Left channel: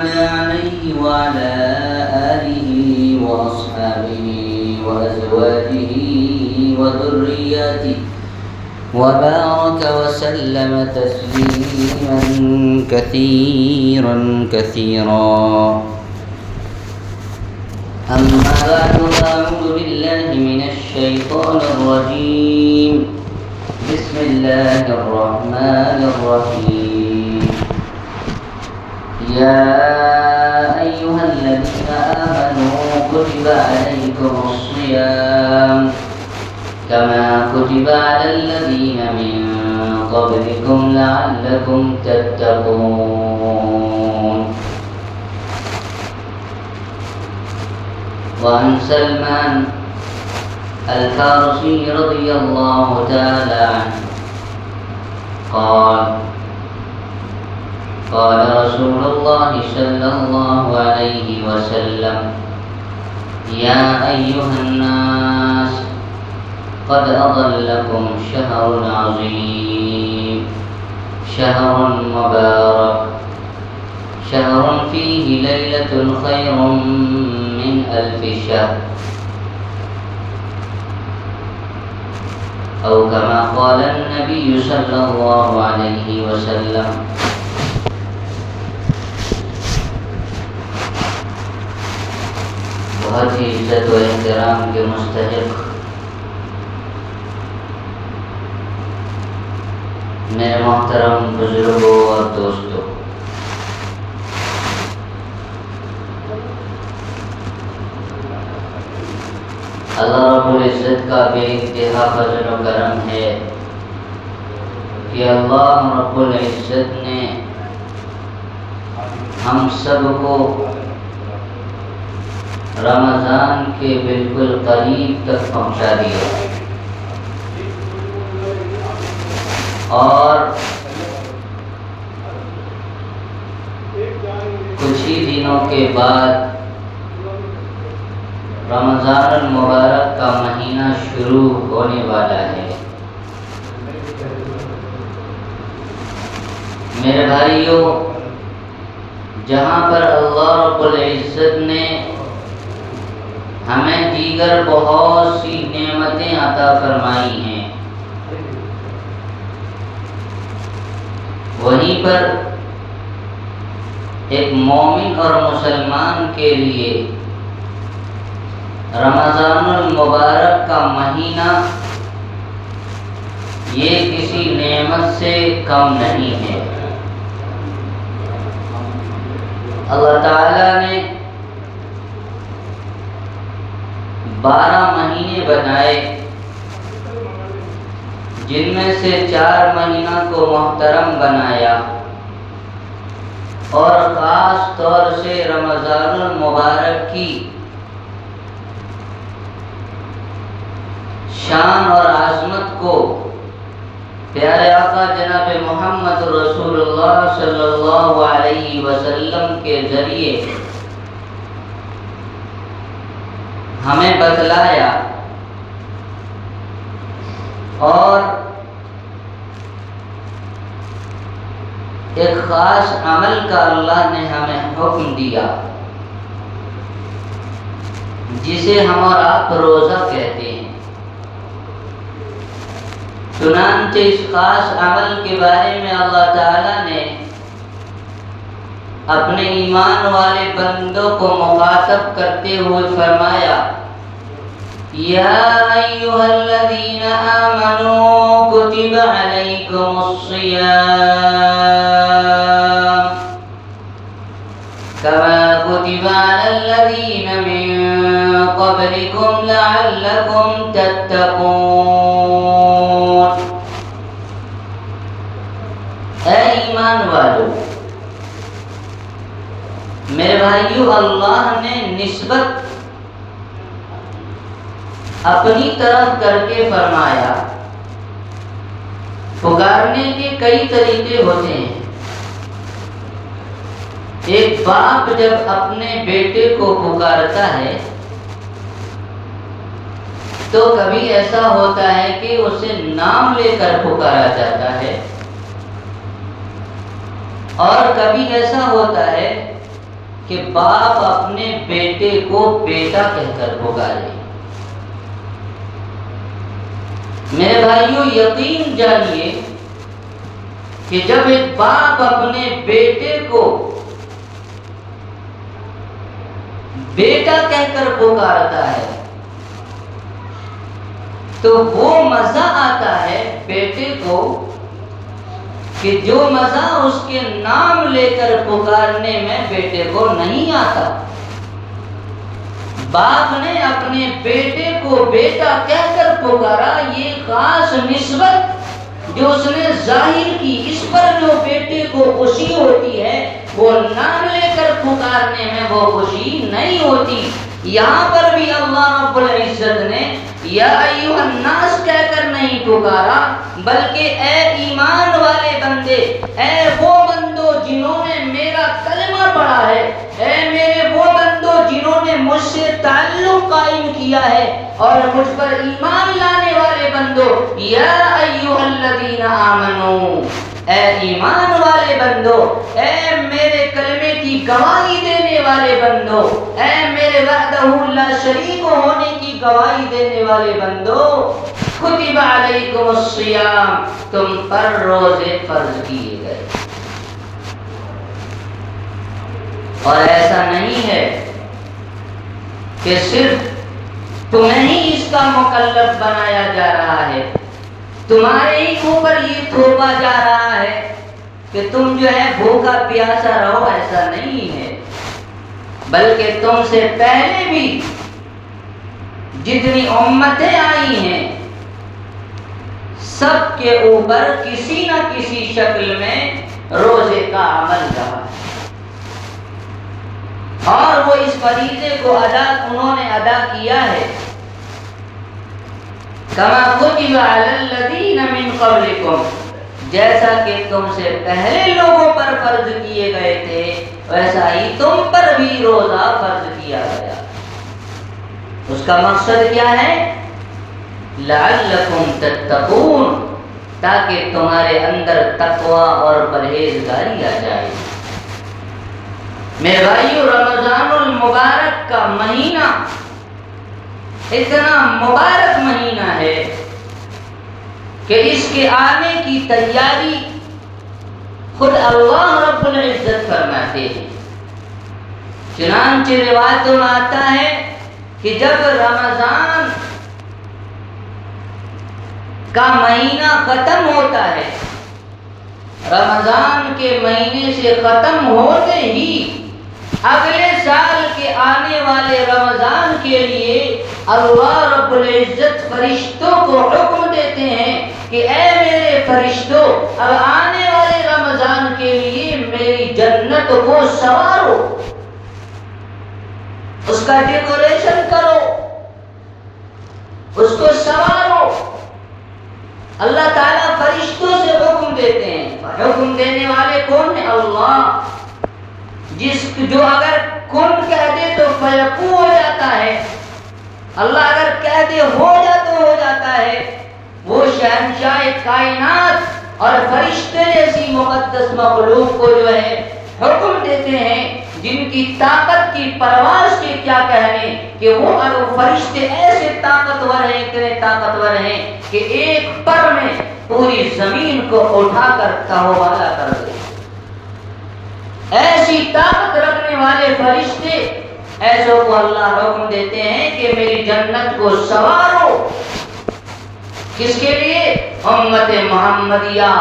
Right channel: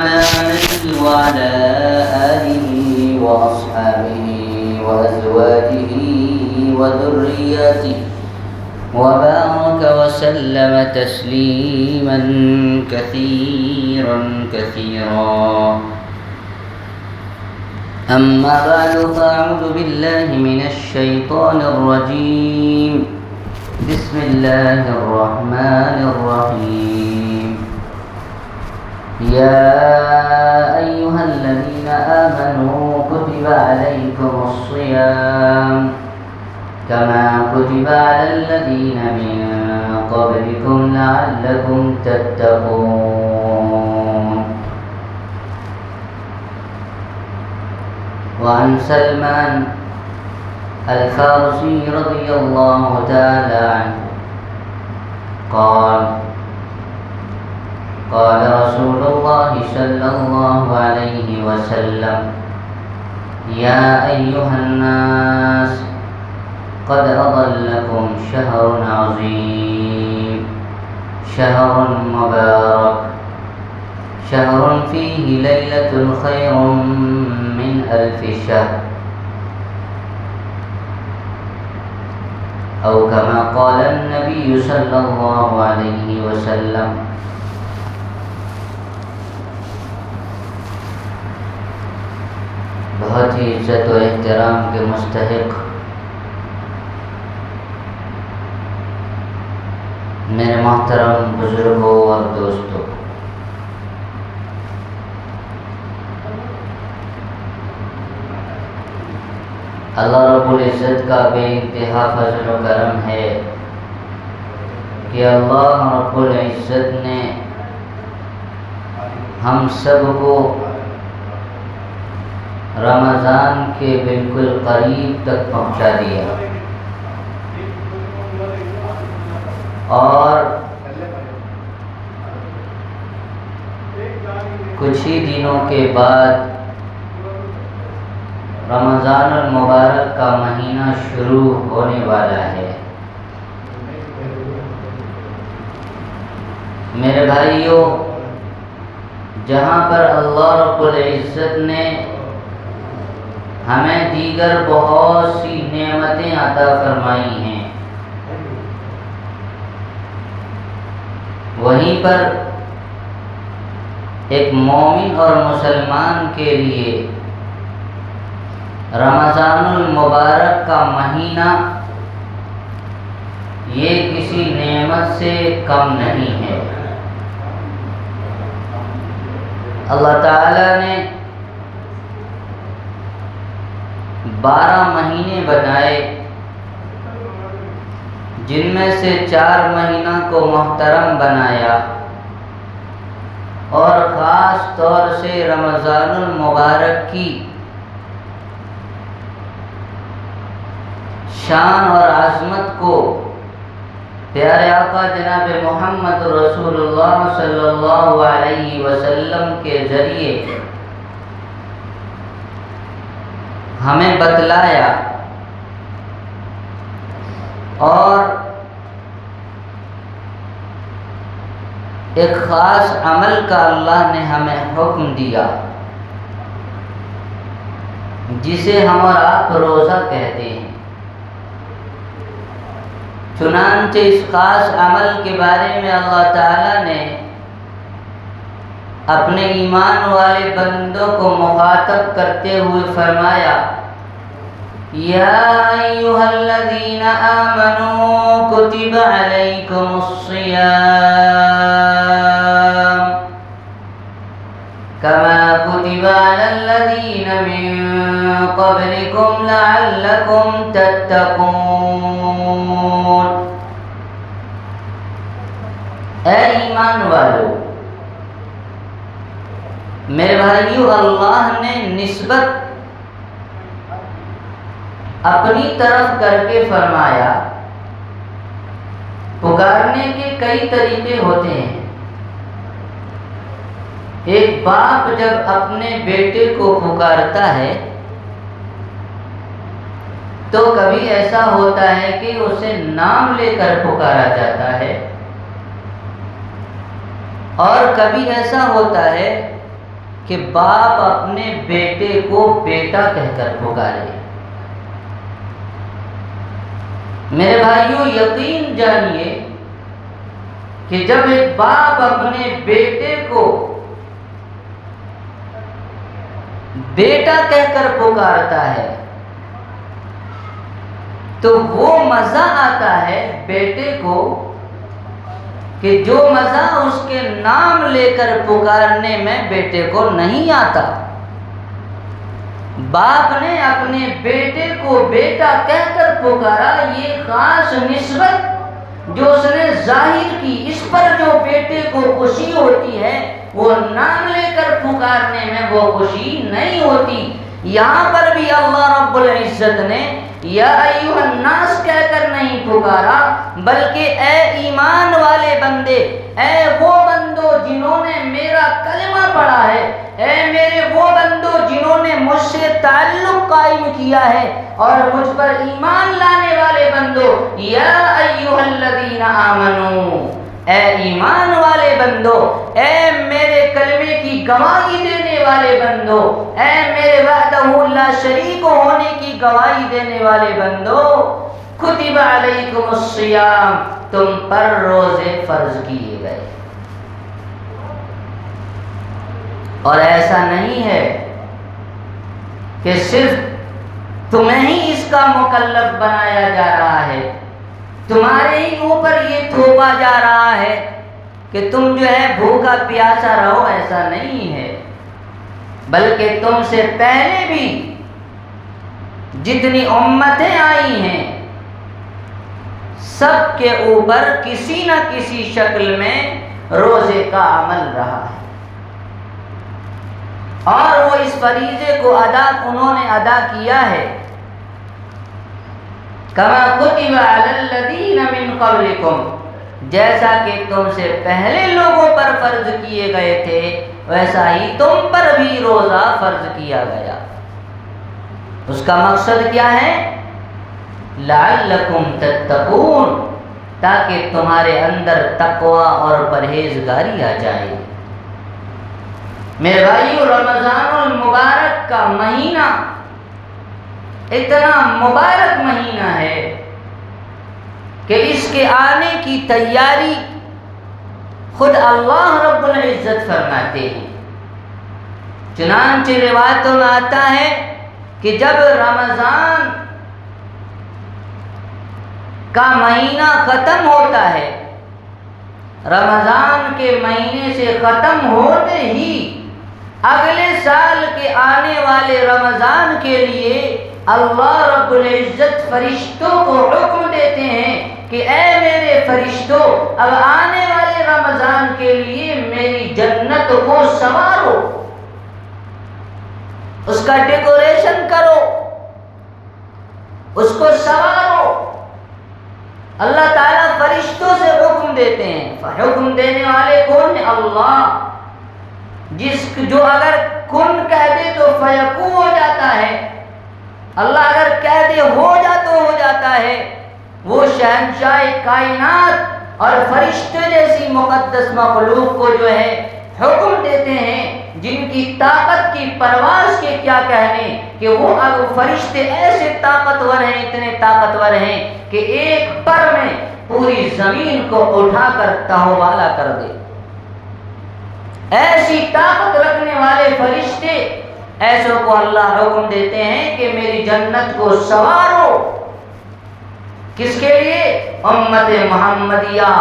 عليه وعلى آله وأصحابه وأزواجه وذرياته وبارك وسلم تسليما كثيرا كثيرا. أما بعد فأعوذ بالله من الشيطان الرجيم. بسم الله الرحمن الرحيم. يا أيها الذين آمنوا كتب عليكم الصيام كما كتب على الذين من قبلكم لعلكم تتقون. وعن سلمان الفارسي رضي الله تعالى عنه قال قال رسول الله صلى الله عليه وسلم: يا أيها الناس قد أضلكم شهر عظيم، شهر مبارك، شهر فيه ليلة خير من 1000 شهر، أو كما قال النبي صلى الله عليه وسلم. بہت ہی عزت و احترام کے مستحق میرے محترم بزرگوں اور دوستوں، اللہ رب العزت کا بے انتہا فضل و کرم ہے کہ اللہ رب العزت نے ہم سب کو رمضان کے بالکل قریب تک پہنچا دیا، اور کچھ ہی دنوں کے بعد رمضان المبارک کا مہینہ شروع ہونے والا ہے۔ میرے بھائیوں، جہاں پر اللہ رب العزت نے ہمیں دیگر بہت سی نعمتیں عطا فرمائی ہیں، وہیں پر ایک مومن اور مسلمان کے لیے رمضان المبارک کا مہینہ یہ کسی نعمت سے کم نہیں ہے۔ اللہ تعالیٰ نے 12 مہینے بنائے، جن میں سے 4 مہینہ کو محترم بنایا، اور خاص طور سے رمضان المبارک کی شان اور عظمت کو پیارے آقا جناب محمد رسول اللہ صلی اللہ علیہ وسلم کے ذریعے ہمیں بتلایا، اور ایک خاص عمل کا اللہ نے ہمیں حکم دیا، جسے ہم اور آپ روزہ کہتے ہیں۔ چنانچہ اس خاص عمل کے بارے میں اللہ تعالیٰ نے اپنے ایمان والے بندوں کو مخاطب کرتے ہوئے فرمایا: یا ایھا الذین آمنوا کتب علیکم الصیام کما کتب علی الذین من قبلکم لعلکم تتقون۔ اے ایمان والو، میرے بھائیو، اللہ نے نسبت اپنی طرف کر کے فرمایا۔ پکارنے کے کئی طریقے ہوتے ہیں۔ ایک باپ جب اپنے بیٹے کو پکارتا ہے تو کبھی ایسا ہوتا ہے کہ اسے نام لے کر پکارا جاتا ہے، اور کبھی ایسا ہوتا ہے کہ باپ اپنے بیٹے کو بیٹا کہہ کر پکارے۔ میرے بھائیوں یقین جانیے کہ جب ایک باپ اپنے بیٹے کو بیٹا کہہ کر پکارتا ہے تو وہ مزہ آتا ہے بیٹے کو کہ جو مزہ اس کے نام لے کر پکارنے میں بیٹے کو نہیں آتا۔ باپ نے اپنے بیٹے کو بیٹا کہہ کر پکارا، یہ خاص نسبت جو اس نے ظاہر کی، اس پر جو بیٹے کو خوشی ہوتی ہے وہ نام لے کر پکارنے میں وہ خوشی نہیں ہوتی۔ یہاں پر بھی اللہ رب العزت نے یا ایھا الناس کہہ کر نہیں پکارا، بلکہ اے ایمان والے بندے، اے وہ بندو جنہوں نے میرا کلمہ پڑھا ہے، اے میرے وہ بندو جنہوں نے مجھ سے تعلق قائم کیا ہے اور مجھ پر ایمان لانے والے بندو، یا ایھا الذین آمنو، اے ایمان والے بندو، اے میرے کلمے کی گواہی دینے والے بندو، اے میرے وحدہ لا شریک ہونے کی گواہی دینے والے بندو، کتب علیکم الصیام، تم پر روزے فرض کیے گئے۔ اور ایسا نہیں ہے کہ صرف تمہیں ہی اس کا مکلف بنایا جا رہا ہے، تمہارے ہی اوپر یہ تھوپا جا رہا ہے کہ تم جو ہے بھوکا پیاسا رہو، ایسا نہیں ہے، بلکہ تم سے پہلے بھی جتنی امتیں آئی ہیں سب کے اوپر کسی نہ کسی شکل میں روزے کا عمل رہا، اور وہ اس فریضے کو انہوں نے ادا کیا ہے۔ کما کتب علی الذین من قبلکم، جیسا کہ تم سے پہلے لوگوں پر فرض کیے گئے تھے ویسا ہی تم پر بھی روزہ فرض کیا گیا۔ اس کا مقصد کیا ہے؟ لعلکم تتقون، تاکہ تمہارے اندر تقوی اور پرہیزگاری آ جائے۔ میرے بھائیو رمضان المبارک کا مہینہ اتنا مبارک مہینہ ہے کہ اس کے آنے کی تیاری خود اللہ رب العزت فرماتے ہیں۔ چنانچہ روایتوں میں آتا ہے کہ جب رمضان کا مہینہ ختم ہوتا ہے، رمضان کے مہینے سے ختم ہوتے ہی اگلے سال کے آنے والے رمضان کے لیے اللہ رب العزت فرشتوں کو حکم دیتے ہیں کہ اے میرے فرشتوں، اب آنے والے رمضان کے لیے میری جنت کو سنوارو، اس کا ڈیکوریشن کرو، اس کو سنوارو۔ اللہ تعالیٰ فرشتوں سے حکم دیتے ہیں۔ حکم دینے والے کون ہیں؟ اللہ، جو اگر کن کہہ دے تو فیکون ہو جاتا ہے، اللہ اگر کہہ دے ہو جا تو ہو جاتا ہے۔ وہ شہنشاہ کائنات اور فرشتے جیسی مقدس مخلوق کو جو ہے حکم دیتے ہیں، جن کی طاقت کی پرواز کے کیا کہنے، کہ وہ فرشتے ایسے طاقتور ہیں، اتنے طاقتور ہیں کہ ایک پر میں پوری زمین کو اٹھا کر تہوالا کر دے۔ ایسی طاقت رکھنے والے فرشتے، ایسوں کو اللہ حکم دیتے ہیں کہ میری جنت کو سنوارو۔ کس کے لیے؟ امت محمدیہ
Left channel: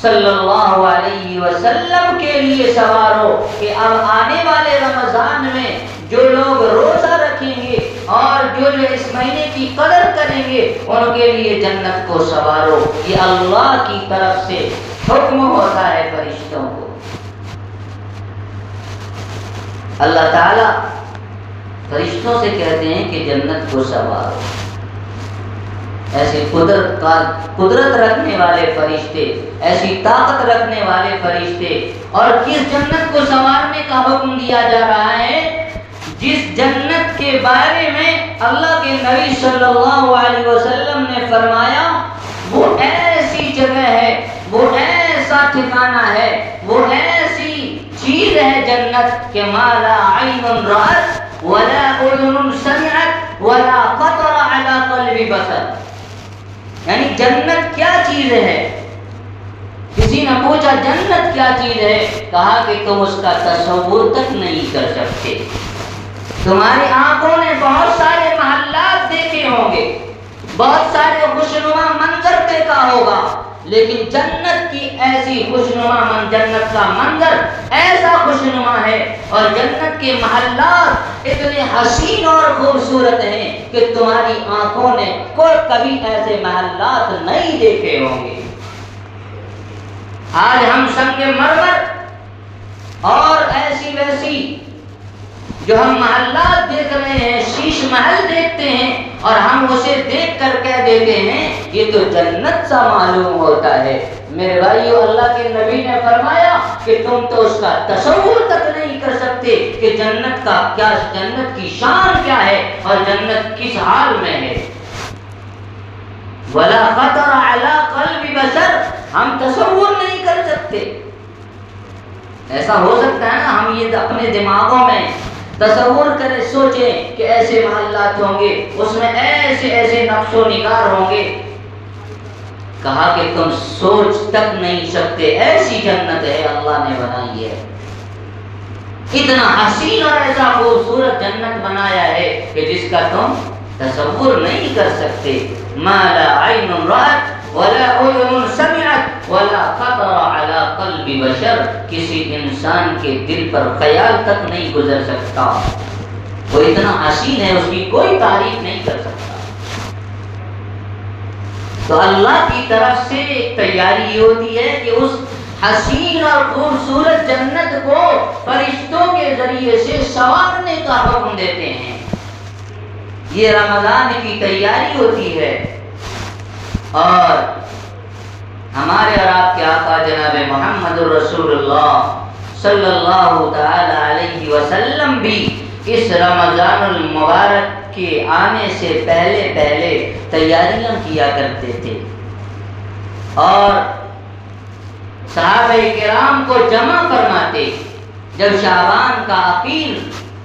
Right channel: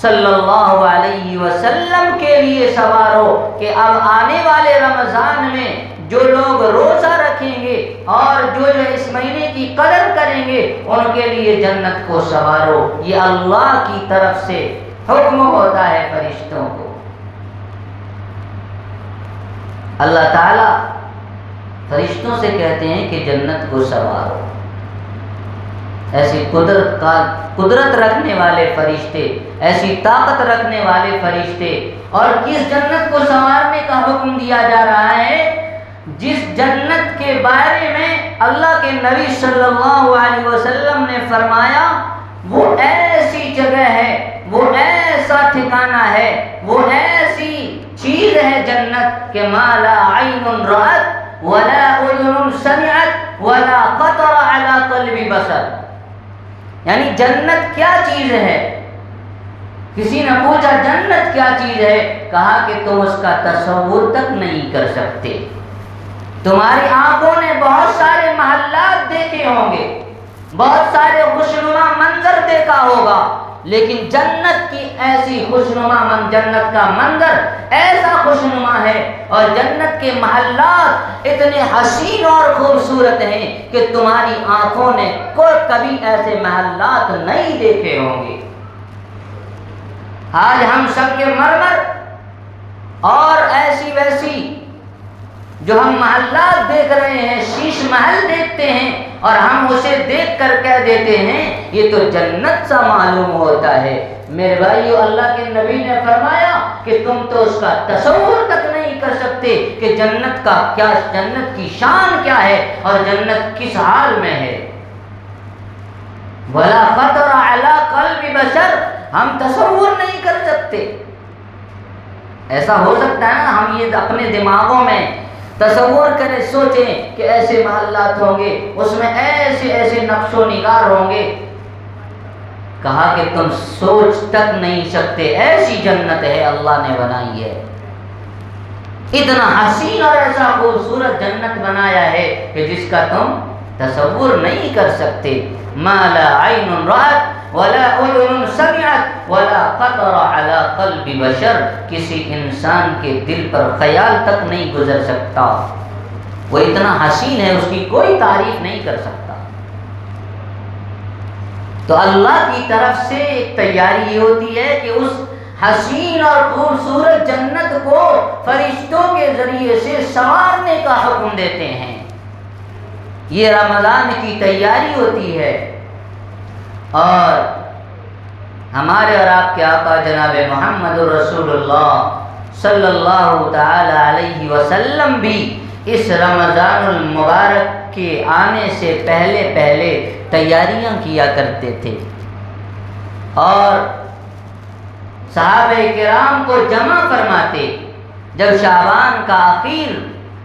صلی اللہ علیہ وسلم کے لیے سنوارو، کہ اب آنے والے رمضان میں جو لوگ روزہ رکھیں گے اور جو اس مہینے کی قدر کریں گے ان کے لیے جنت کو سنوارو۔ یہ اللہ کی طرف سے حکم ہوتا ہے فرشتوں کو۔ اللہ تعالیٰ فرشتوں سے کہتے ہیں کہ جنت کو سنوارو۔ ایسی قدرت رکھنے والے فرشتے، ایسی طاقت رکھنے والے فرشتے، اور کس جنت کو سنوارنے کا حکم دیا جا رہا ہے؟ جس جنت کے بارے میں اللہ کے نبی صلی اللہ علیہ وسلم نے فرمایا وہ ایسی جگہ ہے، وہ ایسا ٹھکانہ ہے، وہ ایسی چیز ہے جنت کہ ما لا عین رأت ولا اذن سمعت ولا خطر على قلب بشر. یعنی جنت کیا چیز ہے؟ کسی نے پوچھا جنت کیا چیز ہے؟ کہا کہ تم اس کا تصور تک نہیں کر سکتے. تمہاری آنکھوں نے بہت سارے محلات دیکھے ہوں گے، بہت سارے خوشنما منظر دیکھا ہوگا، لیکن جنت کی ایسی خوشنما جنت کا منظر ایسا خوشنما ہے اور جنت کے محلات اتنے حسین اور خوبصورت ہیں کہ تمہاری آنکھوں نے کبھی ایسے محلات نہیں دیکھے ہوں گے. آج ہم سنگ مرمر اور ایسی ویسی جو ہم محلات دیکھ رہے ہیں، شیش محل دیکھتے ہیں اور ہم اسے دیکھ کر کہہ دیتے ہیں یہ تو جنت سا معلوم ہوتا ہے. میرے بھائیو، اللہ کے نبی نے فرمایا کہ تم تو اس کا تصور تک نہیں کر سکتے کہ جنت کا کیا، جنت کی شان کیا ہے اور جنت کس حال میں ہے. ولا خطر علی قلب بشر، ہم تصور نہیں کر سکتے. ایسا ہو سکتا ہے نا ہم یہ اپنے دماغوں میں تصور کریں، سوچیں کہ ایسے محلات ہوں گے، اس میں ایسے ایسے نقش و نگار ہوں گے. کہا کہ تم سوچ تک نہیں سکتے، ایسی جنت ہے اللہ نے بنائی ہے. اتنا حسین اور ایسا خوبصورت جنت بنایا ہے کہ جس کا تم تصور نہیں کر سکتے. ما لا عین رأت ولا اذن سمعت ولا خطر على قلب بشر، کسی انسان کے دل پر خیال تک نہیں گزر سکتا. وہ اتنا حسین ہے، اس کی کوئی تعریف نہیں کر سکتا. تو اللہ کی طرف سے ایک تیاری یہ ہوتی ہے کہ اس حسین اور خوبصورت جنت کو فرشتوں کے ذریعے سے سنوارنے کا حکم دیتے ہیں. یہ رمضان کی تیاری ہوتی ہے. اور ہمارے اور آپ کے آقا جناب محمد رسول اللہ صلی اللہ تعالی علیہ وسلم بھی اس رمضان المبارک کے آنے سے پہلے پہلے تیاریاں کیا کرتے تھے اور صحابہ کرام کو جمع فرماتے. جب شعبان کا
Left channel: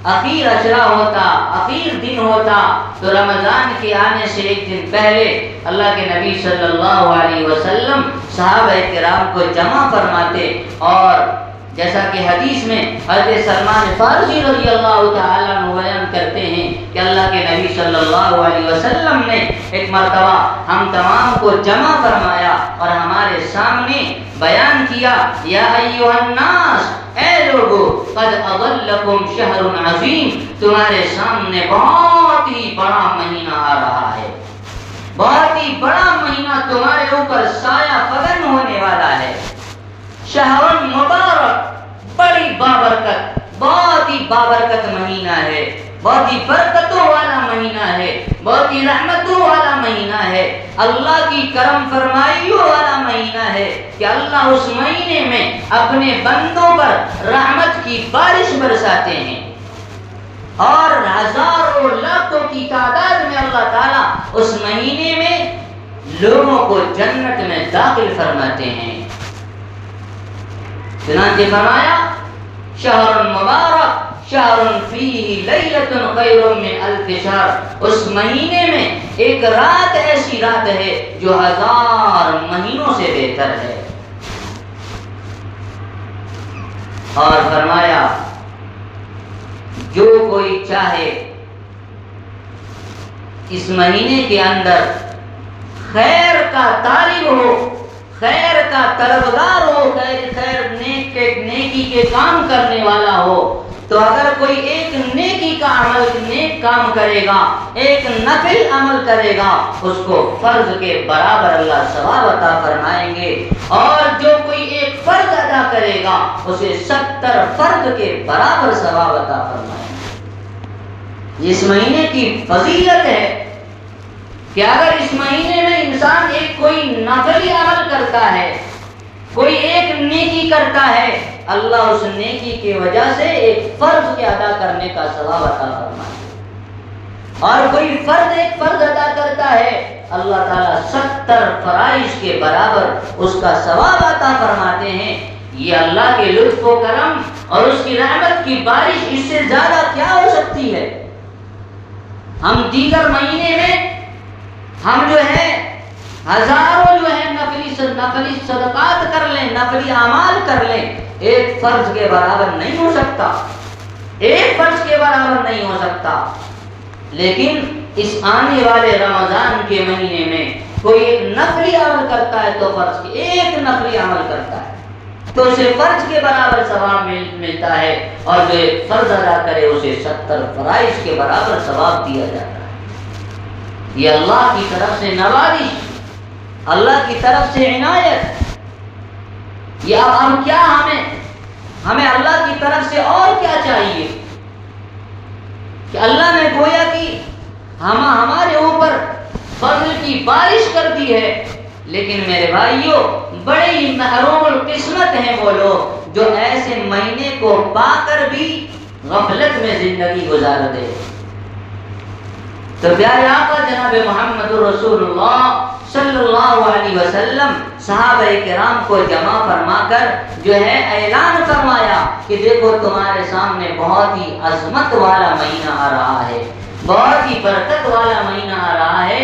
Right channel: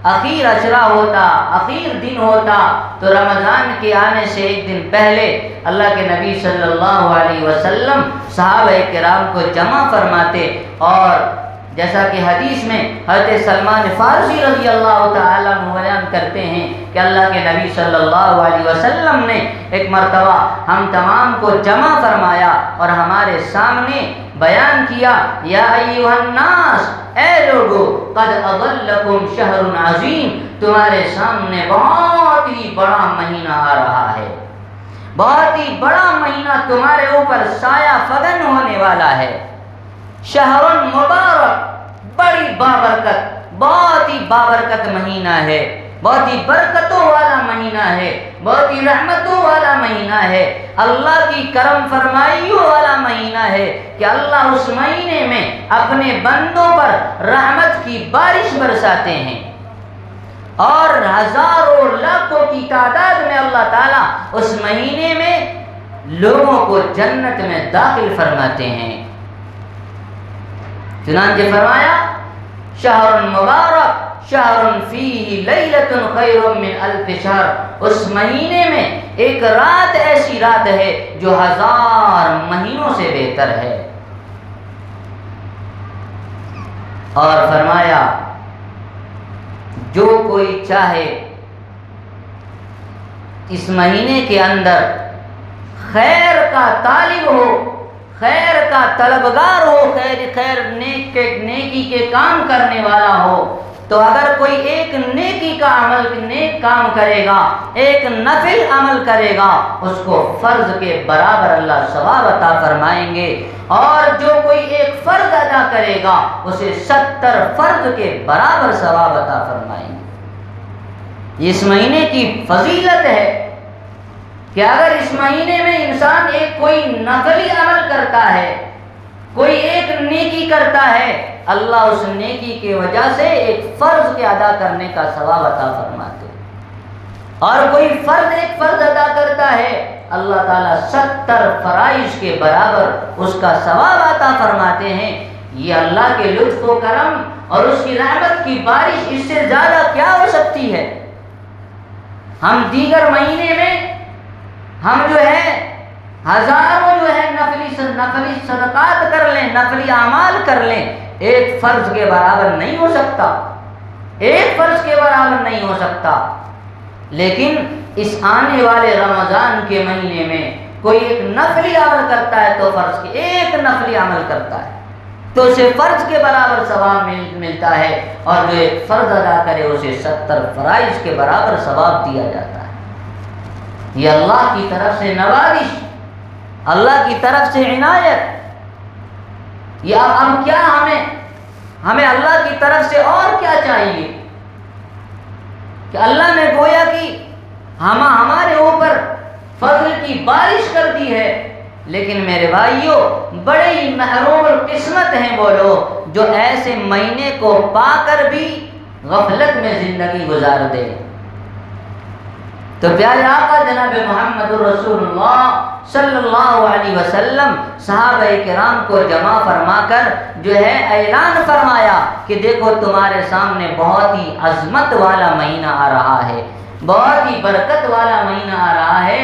اخیر اشرا ہوتا، اخیر دن ہوتا، تو رمضان کے آنے سے ایک دن پہلے اللہ کے نبی صلی اللہ علیہ وسلم صحابہ کرام کو جمع فرماتے. اور جیسا کہ حدیث میں حضرت سلمان فارسی رضی اللہ تعالیٰ عنہ بیان کرتے ہیں کہ اللہ کے نبی صلی اللہ علیہ وسلم نے ایک مرتبہ ہم تمام کو جمع فرمایا اور ہمارے سامنے بیان کیا، یا ایھا الناس، اے لوگو، قد اضلکم شہر عظیم، تمہارے سامنے بہت ہی بڑا مہینہ آ رہا ہے، بہت ہی بڑا مہینہ تمہارے اوپر سایہ فگن ہونے والا ہے. شہر مبارک، بڑی بابرکت، بہت ہی بابرکت مہینہ ہے، بہت ہی برکتوں والا مہینہ ہے، بہت ہی رحمتوں والا مہینہ ہے، اللہ کی کرم فرمائیوں والا مہینہ ہے کہ اللہ اس مہینے میں اپنے بندوں پر رحمت کی بارش برساتے ہیں اور ہزاروں لاکھوں کی تعداد میں اللہ تعالیٰ اس مہینے میں لوگوں کو جنت میں داخل فرماتے ہیں. چنانچہ فرمایا، شہر مبارک شہر فیہ لیلۃ خیر من الف شہر، اس مہینے میں ایک رات ایسی رات ہے جو 1000 مہینوں سے بہتر ہے. اور فرمایا جو کوئی چاہے اس مہینے کے اندر خیر کا طالب ہو، خیر کا طلبگار ہو، خیر نیکی کے کام کرنے والا ہو، تو اگر کوئی ایک نیکی کا عمل، نیک کام کرے گا، ایک نفل عمل کرے گا، اس کو فرض کے برابر اللہ ثواب عطا فرمائیں گے. اور جو کوئی ایک فرض ادا کرے گا اسے 70 فرض کے برابر ثواب عطا فرمائیں گے. اس مہینے کی فضیلت ہے کہ اگر اس مہینے میں انسان ایک کوئی نفلی عمل کرتا ہے، کوئی ایک نیکی کرتا ہے، اللہ اس نیکی کی وجہ سے ایک فرض کے ادا کرنے کا ثواب عطا فرماتے ہیں. اور کوئی ایک فرض ادا کرتا ہے، اللہ تعالیٰ 70 فرائض کے برابر اس کا ثواب عطا فرماتے ہیں. یہ اللہ کے لطف و کرم اور اس کی رحمت کی بارش، اس سے زیادہ کیا ہو سکتی ہے؟ ہم دیگر مہینے میں ہم جو ہے ہزاروں جو ہے نفلی صدقات کر لیں، نفلی اعمال کر لیں، ایک فرض کے برابر نہیں ہو سکتا، ایک فرض کے برابر نہیں ہو سکتا۔ لیکن اس آنے والے رمضان کے مہینے میں کوئی ایک نفلی عمل کرتا ہے تو فرض کے ایک نفلی عمل کرتا ہے تو اسے فرض کے برابر ثواب ملتا ہے، اور جو ایک فرض ادا کرے اسے 70 فرائض کے برابر ثواب دیا جاتا ہے۔ یہ اللہ کی طرف سے نوازش، اللہ کی طرف سے عنایت۔ یہ اب کیا ہمیں اللہ کی طرف سے اور کیا چاہیے کہ اللہ نے گویا کہ ہمارے اوپر فضل کی بارش کر دی ہے، لیکن میرے بھائیوں بڑے ہی محروم القسمت ہیں وہ لوگ جو ایسے مہینے کو پا کر بھی غفلت میں زندگی گزار دے۔ تو پیارے آقا جناب محمد رسول اللہ صلی اللہ علیہ وسلم صحابہ کرام کو جمع فرما کر جو ہے اعلان فرمایا کہ دیکھو تمہارے سامنے بہت ہی عظمت والا مہینہ آ رہا ہے، بہت ہی برکت والا مہینہ آ رہا ہے،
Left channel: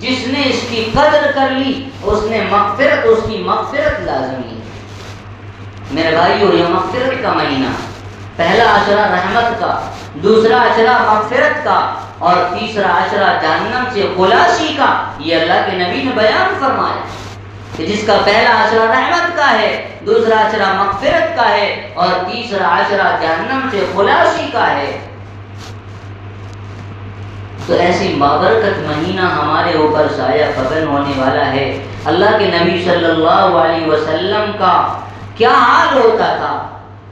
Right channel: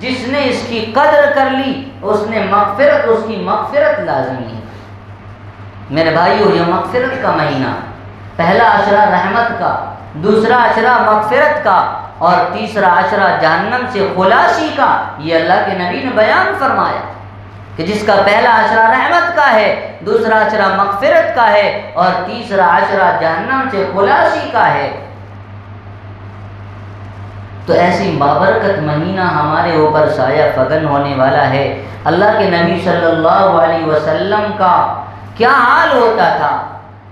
جس نے اس کی قدر کر لی اس نے مغفرت، اس کی مغفرت لازمی ہے۔ میرے بھائیو یہ مغفرت کا مہینہ، پہلا عشرہ رحمت کا، دوسرا عشرہ مغفرت کا، اور تیسرا عشرہ جہنم سے خلاصی کا، یہ اللہ کے نبی نے بیان فرمایا کہ جس کا پہلا عشرہ رحمت کا ہے، دوسرا عشرہ مغفرت کا ہے، اور تیسرا عشرہ جہنم سے خلاصی کا ہے۔ تو ایسی بابرکت مہینہ ہمارے اوپر سایہ فگن ہونے والا ہے۔ اللہ کے نبی صلی اللہ علیہ وسلم کا کیا حال ہوتا تھا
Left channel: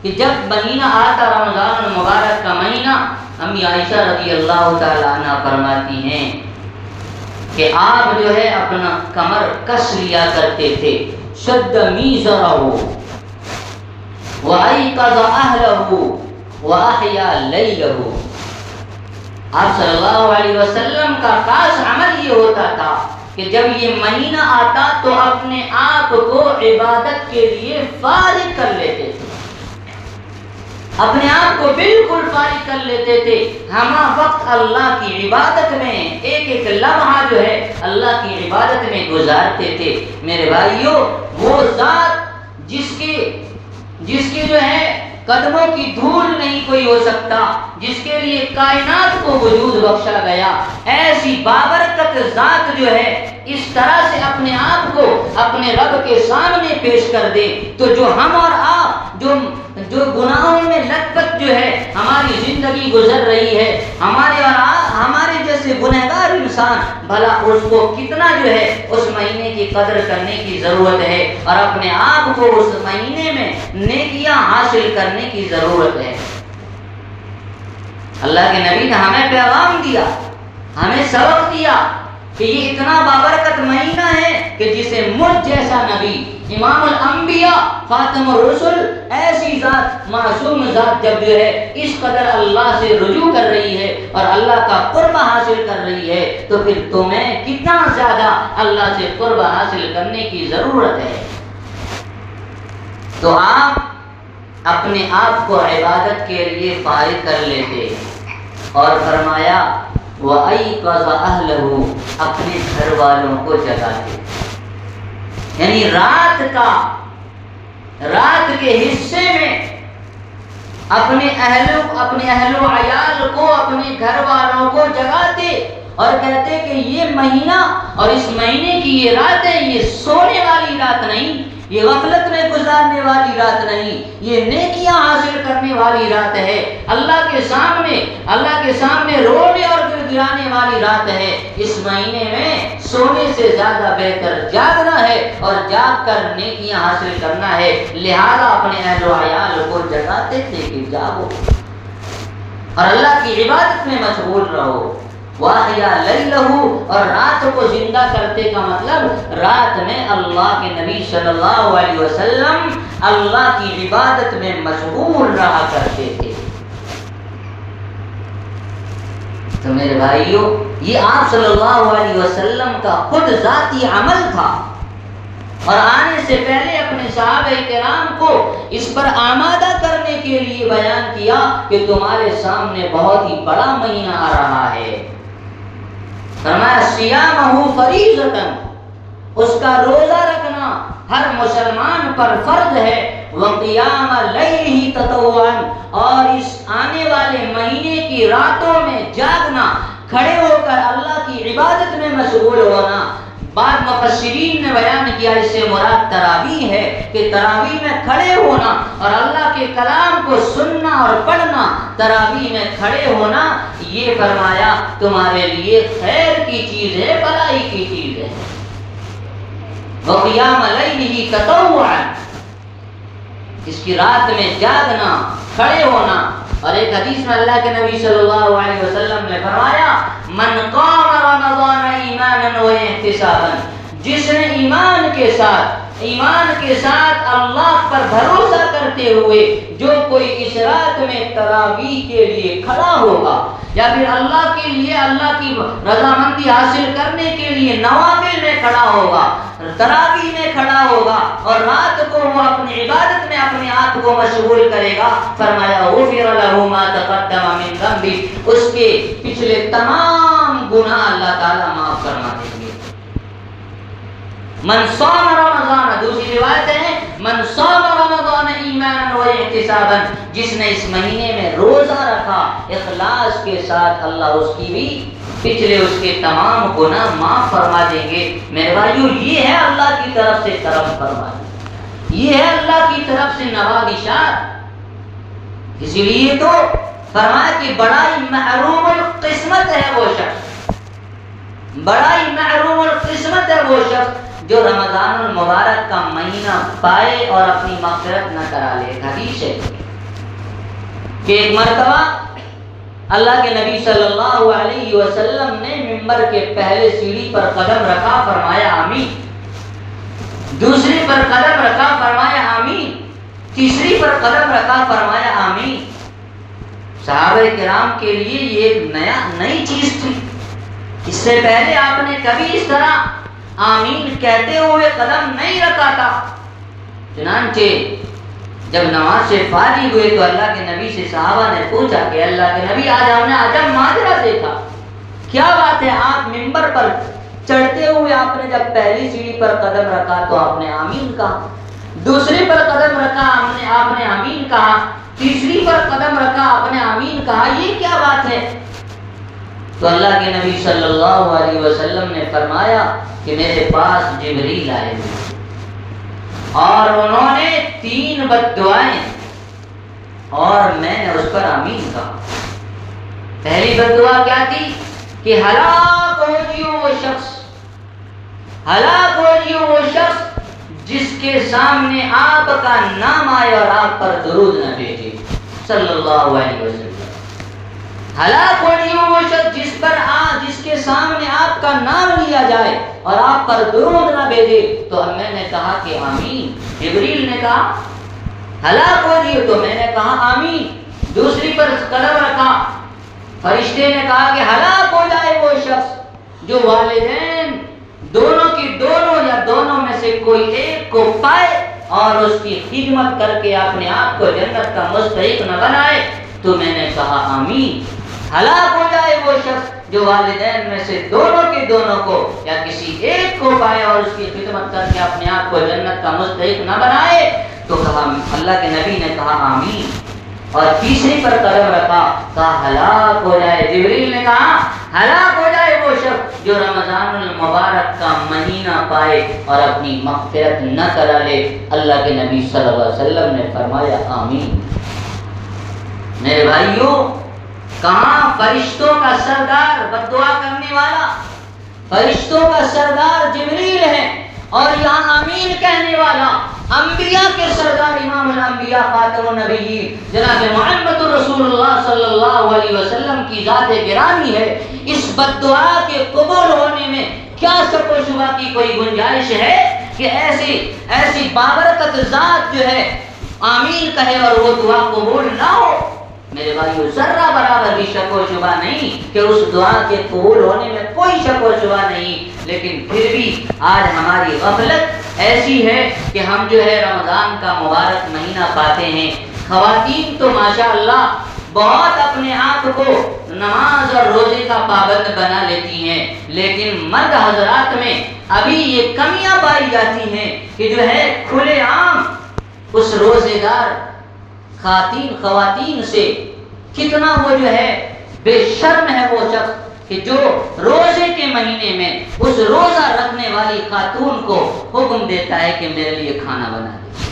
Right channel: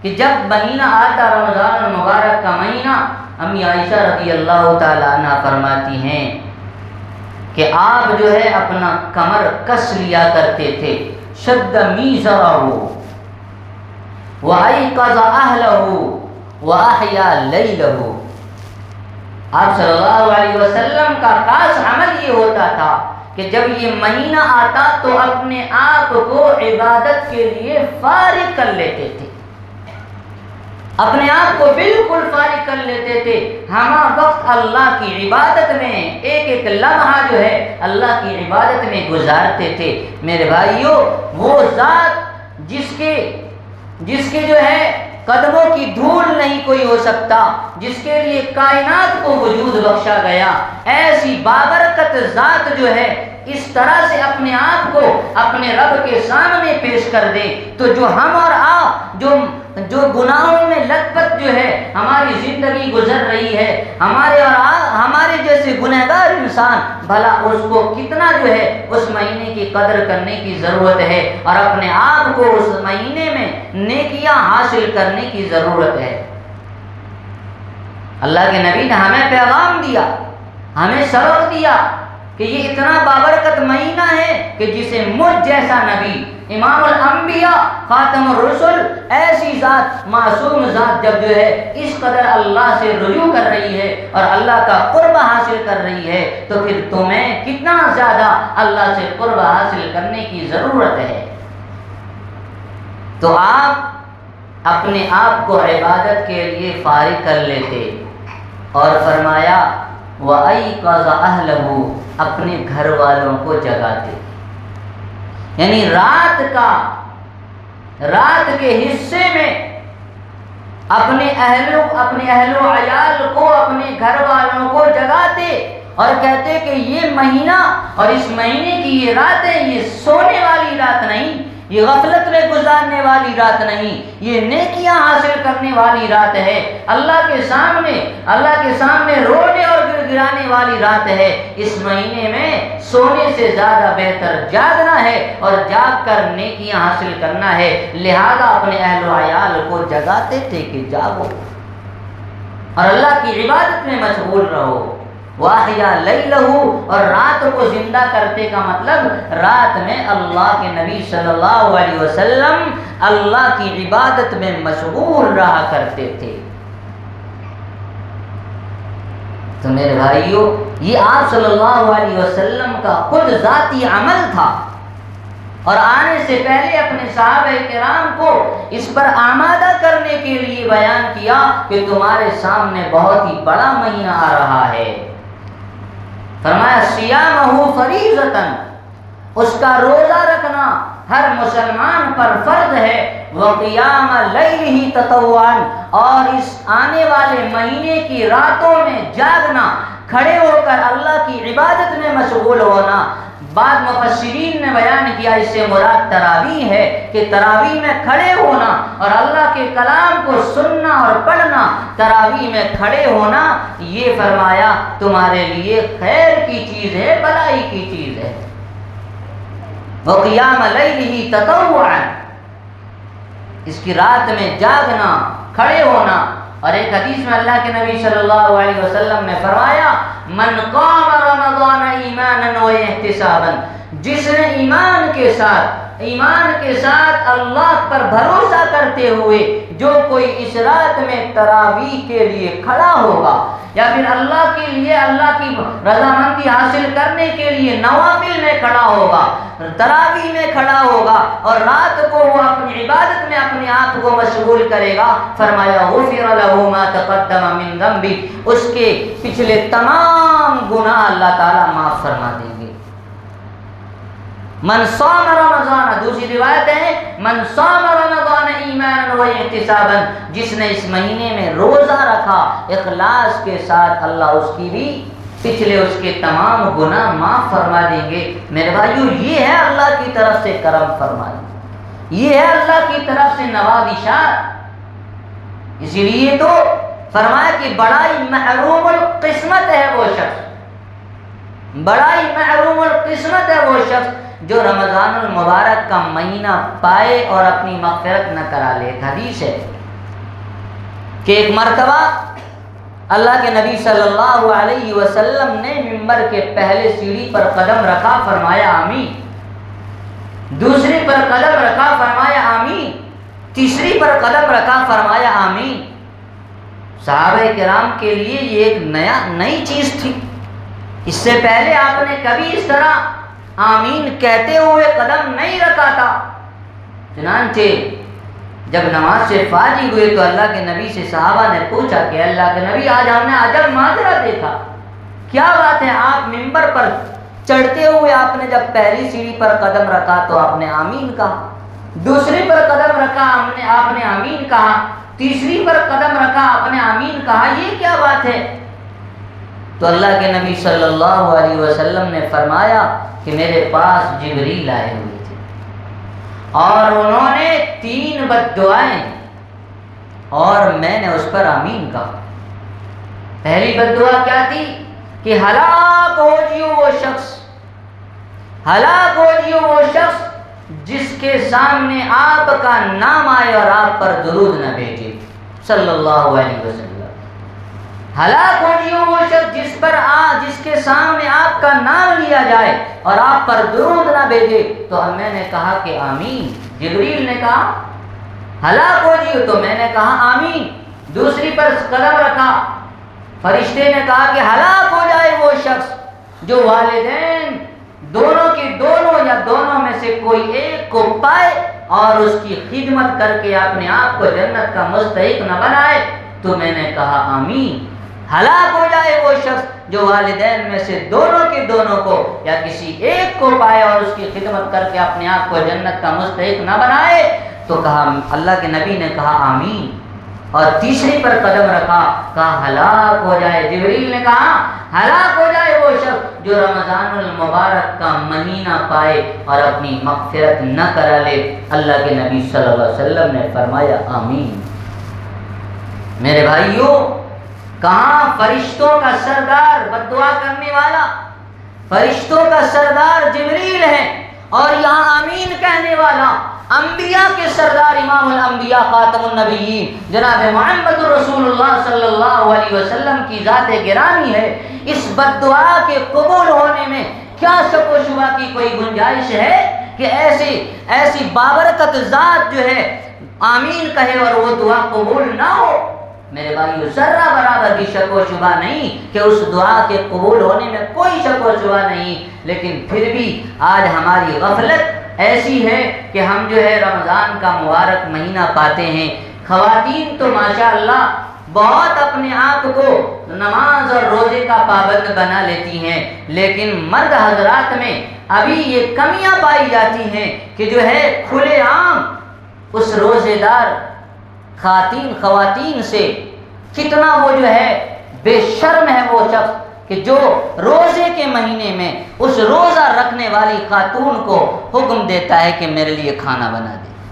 کہ جب مہینہ آتا رمضان مبارک کا مہینہ، امی عائشہ رضی اللہ تعالیٰ عنہ فرماتی ہیں کہ آپ جو ہے اپنا کمر کس لیا کرتے تھے، شد میزرہ وَأَيْقَظَ أَهْلَهُ وَأَحْيَا لَيْلَهُ۔ آپ صلی اللہ علیہ وسلم کا خاص عمل یہ ہوتا تھا کہ جب یہ مہینہ آتا تو اپنے آپ کو عبادت کے لیے فارغ کر لیتے تھے، اپنے آپ کو بالکل فارغ کر لیتے تھے، ہمہ وقت اللہ کی عبادت میں ایک ایک لمحہ جو ہے اللہ کی عبادت میں گزارتے تھے۔ میرے بھائیوں وہ ذات جس کے جو ہے قدموں کی دھول نہیں کوئی ہو سکتا، جس کے لیے کائنات کو وجود بخشا گیا، ایسی بابرکت ذات جو ہے اس طرح سے اپنے آپ کو اپنے رب کے سامنے پیش کر دے تو جو ہم اور آپ جو گناہوں میں لگ کر جو ہے ہماری زندگی گزر رہی ہے، ہمارے جیسے گنہگار انسان، بھلا اس کو کتنا جو ہے اس مہینے کی قدر کرنے کی ضرورت ہے اور اپنے آپ کو اس مہینے میں نیکیاں حاصل کرنے کی ضرورت ہے۔ اللہ کے نبی نے ہمیں پیغام دیا، ہمیں سبق دیا کہ یہ اتنا بابرکت مہینہ ہے کہ جسے مجھ جیسا نبی، امام الانبیاء، خاتم الرسل، ایسی ذات، معصوم ذات جب جو ہے اس قدر اللہ سے رجوع کر رہی ہے اور اللہ کا قرب حاصل کر رہی ہے تو پھر تمہیں کتنا زیادہ اللہ سے قرب حاصل کرنے کی ضرورت ہے۔ تو آپ اپنے آپ کو عبادت کے لیے فارغ کر لیتے اور فرمایا وَأَيْقَظَ أَهْلَهُ، اپنے گھر والوں کو جگاتے، یعنی رات کے حصے میں اپنے اہل و عیال کو، اپنے گھر والوں کو جگاتے اور کہتے کہ یہ مہینہ اور اس مہینے کی یہ رات ہے، یہ سونے والی رات نہیں، یہ غفلت میں گزارنے والی رات نہیں، یہ نیکیاں حاصل کرنے والی رات ہے، اللہ کے سامنے رونے اور گرانے والی رات ہے۔ اس مہینے میں سونے سے زیادہ بہتر جاگنا ہے اور جاگ کر نیکیاں حاصل کرنا ہے، لہذا اپنے اہل و عیال کو جگاتے تھے کہ جاگو اور اللہ کی عبادت میں مشغول رہو۔ وَأَحْيَا لَيْلَهُ، اور رات کو زندہ کرتے کا مطلب رات میں اللہ کے نبی صلی اللہ علیہ وسلم اللہ کی عبادت میں مشغول رہا کرتے تھے۔ تو میرے بھائیو یہ آپ صلی اللہ علیہ وسلم کا خود ذاتی عمل تھا اور آنے سے پہلے اپنے صحابہ کرام کو اس پر آمادہ کرنے کے لیے بیان کیا کہ تمہارے سامنے بہت ہی بڑا مہینہ آ رہا ہے. فرمایا صیامہ فریضۃ، اس کا روزہ رکھنا ہر مسلمان پر فرض ہے. وقیام لیلہ تطوعا، اور اس آنے والے مہینے کی راتوں میں جاگنا، کھڑے ہو کر اللہ کی عبادت میں مشغول ہونا. بعض مفسرین نے بیان کیا اس سے مراد تراویح ہے کہ تراویح میں کھڑے ہونا اور اللہ کے کلام کو سننا اور پڑھنا، تراویح میں کھڑے ہونا، یہ فرمایا تمہارے لیے خیر کی چیز ہے، بھلائی کی چیز ہے. وقیام لیلہ تطوعا، اس کی رات میں جاگنا، کھڑے ہونا. اور ایک حدیث میں اللہ کے نبی صلی اللہ علیہ وسلم نے فرمایا من قام رمضان ایمانا و احتسابا، جس نے ایمان کے ساتھ اللہ پر بھروسہ کرتے ہوئے جو کوئی اس رات میں تراویح کے لیے کھڑا ہوگا یا پھر اللہ کے لیے اللہ کی رضامندی حاصل کرنے کے لیے نوافل میں کھڑا ہوگا، تراویح میں کھڑا ہوگا اور رات کو وہ اپنی عبادت میں اپنے آپ کو مشغول کرے گا، فرمایا غفر له ما تقدم من ذنبہ، اس کے پچھلے تمام گناہ اللہ تعالیٰ معاف فرما دیں گے. من صام رمضان، دوسری روایت ہے من صام رمضان ایمانا و احتسابا، جس نے اس مہینے میں روزہ رکھا اخلاص کے ساتھ، اللہ اس کی بھی پچھلے اس کے تمام گناہ معاف فرما دیں گے. میرے بھائیو، یہ ہے اللہ کی طرف سے کرم فرمائی، یہ ہے اللہ کی طرف سے نوازشات. اسی لیے تو فرمایا کہ بڑائی محروم القسمت ہے وہ شخص، بڑائی محروم القسمت ہے وہ شخص جو رمضان المبارک کا مہینہ پائے اور اپنی مغفرت نہ کرا لے. حدیث ہے کہ ایک مرتبہ اللہ کے نبی صلی اللہ علیہ وسلم نے منبر کے پہلے سیڑھی پر قدم رکھا، فرمایا آمین. دوسری پر قدم رکھا، فرمایا آمین. تیسری پر قدم رکھا، فرمایا آمین. صحابہ کرام کے لیے یہ ایک نئی چیز تھی. اس سے پہلے آپ نے کبھی اس طرح آمین کہتے ہوئے قدم نہیں رکھا تھا. چنانچہ جب نماز سے فارغ ہوئے تو اللہ کے نبی سے صحابہ نے پوچھا کہ اللہ کے نبی آج ہم نے عجب ماجرا دیکھا، کیا بات ہے؟ آپ منبر پر چڑھتے ہوئے آپ نے جب پہلی سیڑھی پر قدم رکھا تو آپ نے آمین کہا، دوسری پر قدم رکھا آپ نے آمین کہا، تیسری پر قدم رکھا آپ نے آمین کہا، یہ کیا بات ہے؟ تو اللہ کے نبی صلی اللہ علیہ وسلم نے فرمایا کہ میرے پاس جبریل آئے ہوئے اور انہوں نے 3 بد دعائیں اور میں نے اس پر آمین کہا. پہلی بد دعا کیا تھی کہ ہلاک ہو جیو وہ شخص، ہلاک ہو جیو وہ شخص جس کے سامنے آپ کا نام آئے اور آپ پر درود نہ بھیجے صلی اللہ علیہ وسلم. ہلاک ہو جیو وہ شخص جس کے سامنے آپ کا نام لیا جائے اور آپ پر درود نہ بھیجے. تو میں نے کہا کہ آمین. جبریل نے کہا ہلاک ہو جیو، تو میں نے کہا آمین. دوسری پر قدم رکھا، فرشتے نے کہا کہ ہلاک ہو جائے وہ شخص جو والدین دونوں کی دونوں یا دونوں میں سے کوئی ایک کو پائے اور اس کی خدمت کر کے اپنے آپ کو جنت کا مستحق نہ بنائے. تو میں نے کہا آمین. ہلاک ہو جائے وہ شخص جو والدین میں سے دونوں کے دونوں کو یا کسی ایک کو پائے اور اس کی خدمت کر کے اپنے آپ کو جنت کا مستحق نہ بنائے. تو کہا اللہ کے نبی نے کہا آمین. اور تیسری پر قدم رکھا، کہا ہلاک ہو جائے. جبریل نے کہا ہلاک ہو جائے وہ شخص جو رمضان المبارک کا مہینہ پائے اور اپنی مغفرت نہ کرا لے. اللہ کے نبی صلی اللہ علیہ وسلم نے فرمایا آمین. میرے بھائیوں، کہاں فرشتوں کا سردار بد دعا کرنے والا، فرشتوں کا سردار جبریل ہے، اور یہاں آمین کہنے والا انبیاء کے سردار امام الانبیاء خاتم النبیین جناب محمد رسول اللہ صلی اللہ علیہ وسلم کی ذات گرامی ہے. اس بد دعا کے قبول ہونے میں کیا شک و شبہ کی کوئی گنجائش ہے کہ ایسی بابرکت ذات جو ہے آمین کہے اور وہ دعا قبول نہ ہو؟ میرے بھائیو، ذرہ برابر بھی شک و شبہ نہیں کہ اس دعا کے قبول ہونے میں کوئی شک و شبہ نہیں. لیکن پھر بھی آج ہماری غفلت ایسی ہے کہ ہم جو ہے رمضان کا مبارک مہینہ پاتے ہیں، خواتین تو ماشاءاللہ بہت اپنے آپ کو نماز اور روزے کا پابند بنا لیتی ہیں، لیکن مرد حضرات میں ابھی یہ کمیاں پائی جاتی ہیں کہ جو ہے کھلے عام اس روزے دار خواتین سے کتنا وہ جو ہے بے شرم ہے وہ شخص کہ جو روزے کے مہینے میں اس روزہ رکھنے والی خاتون کو حکم دیتا ہے کہ میرے لیے کھانا بنا دے۔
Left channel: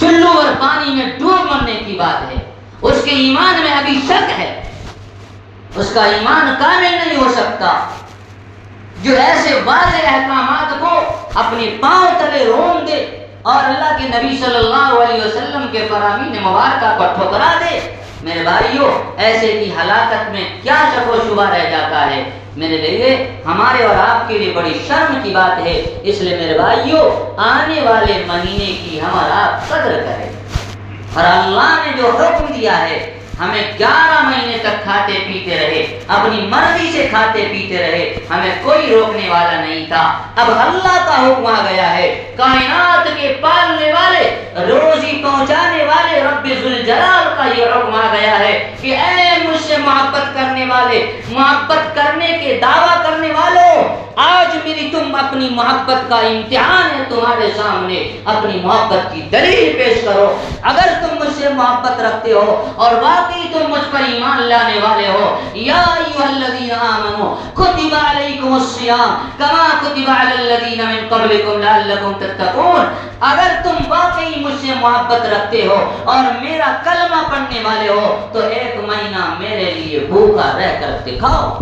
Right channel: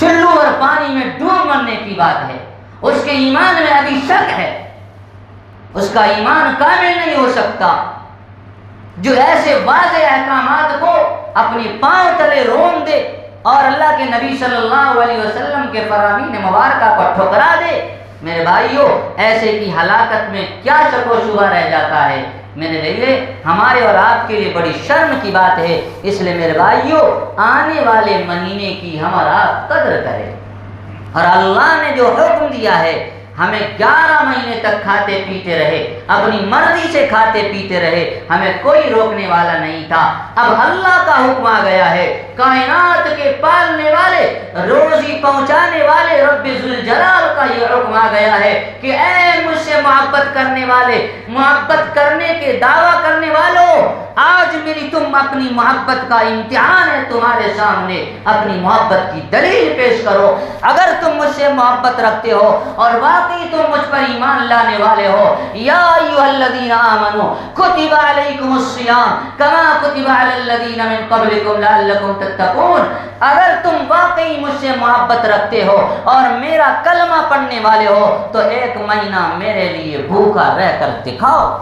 چلو اور پانی میں ڈوب مرنے کی بات ہے، اس کے ایمان میں ابھی شک ہے، اس کا ایمان کامل نہیں ہو سکتا، جو ایسے واضح احکامات کو اپنی پاؤں تلے روم دے اور اللہ کے نبی صلی اللہ علیہ وسلم کے فرامین مبارکہ کو ٹھکرا دے۔ میرے بھائیوں، ایسے کی ہلاکت میں کیا شک و شبہ رہ جاتا ہے؟ میرے لیے ہمارے اور آپ کے لیے بڑی شرم کی بات ہے، اس لیے میرے بھائیوں آنے والے مہینے کی ہم اور آپ قدر کریں، اور اللہ نے جو حکم دیا ہے ہمیں 11 مہینے تک کھاتے پیتے رہے، اپنی مرضی سے کھاتے پیتے رہے، ہمیں کوئی روکنے والا نہیں تھا۔ اب اللہ کا حکم آ گیا ہے، کائنات کے پالنے والے، روزی پہنچانے والے رب ذوالجلال کا یہ حکم آ گیا ہے کہ اے مجھ سے محبت کرنے والے، محبت کرنے کے دعویٰ کرنے والوں، آج میری تم اپنی محبت کا امتحان ہے تمہارے سامنے، اپنی محبت کی دلیل پیش کرو۔ اگر تم مجھ سے محبت رکھتے ہو اور واقعی تم مجھ پر ایمان لانے والے ہو، یا ایھا الذین آمنوا کتب علیکم الصیام کما کتب علی الذین من قبلکم لعلکم تتقون، اگر تم واقعی مجھ سے محبت رکھتے ہو اور میرا کلمہ پڑھنے والے ہو تو ایک مہینہ میرے لیے بھوکا رہ کر دکھاؤ۔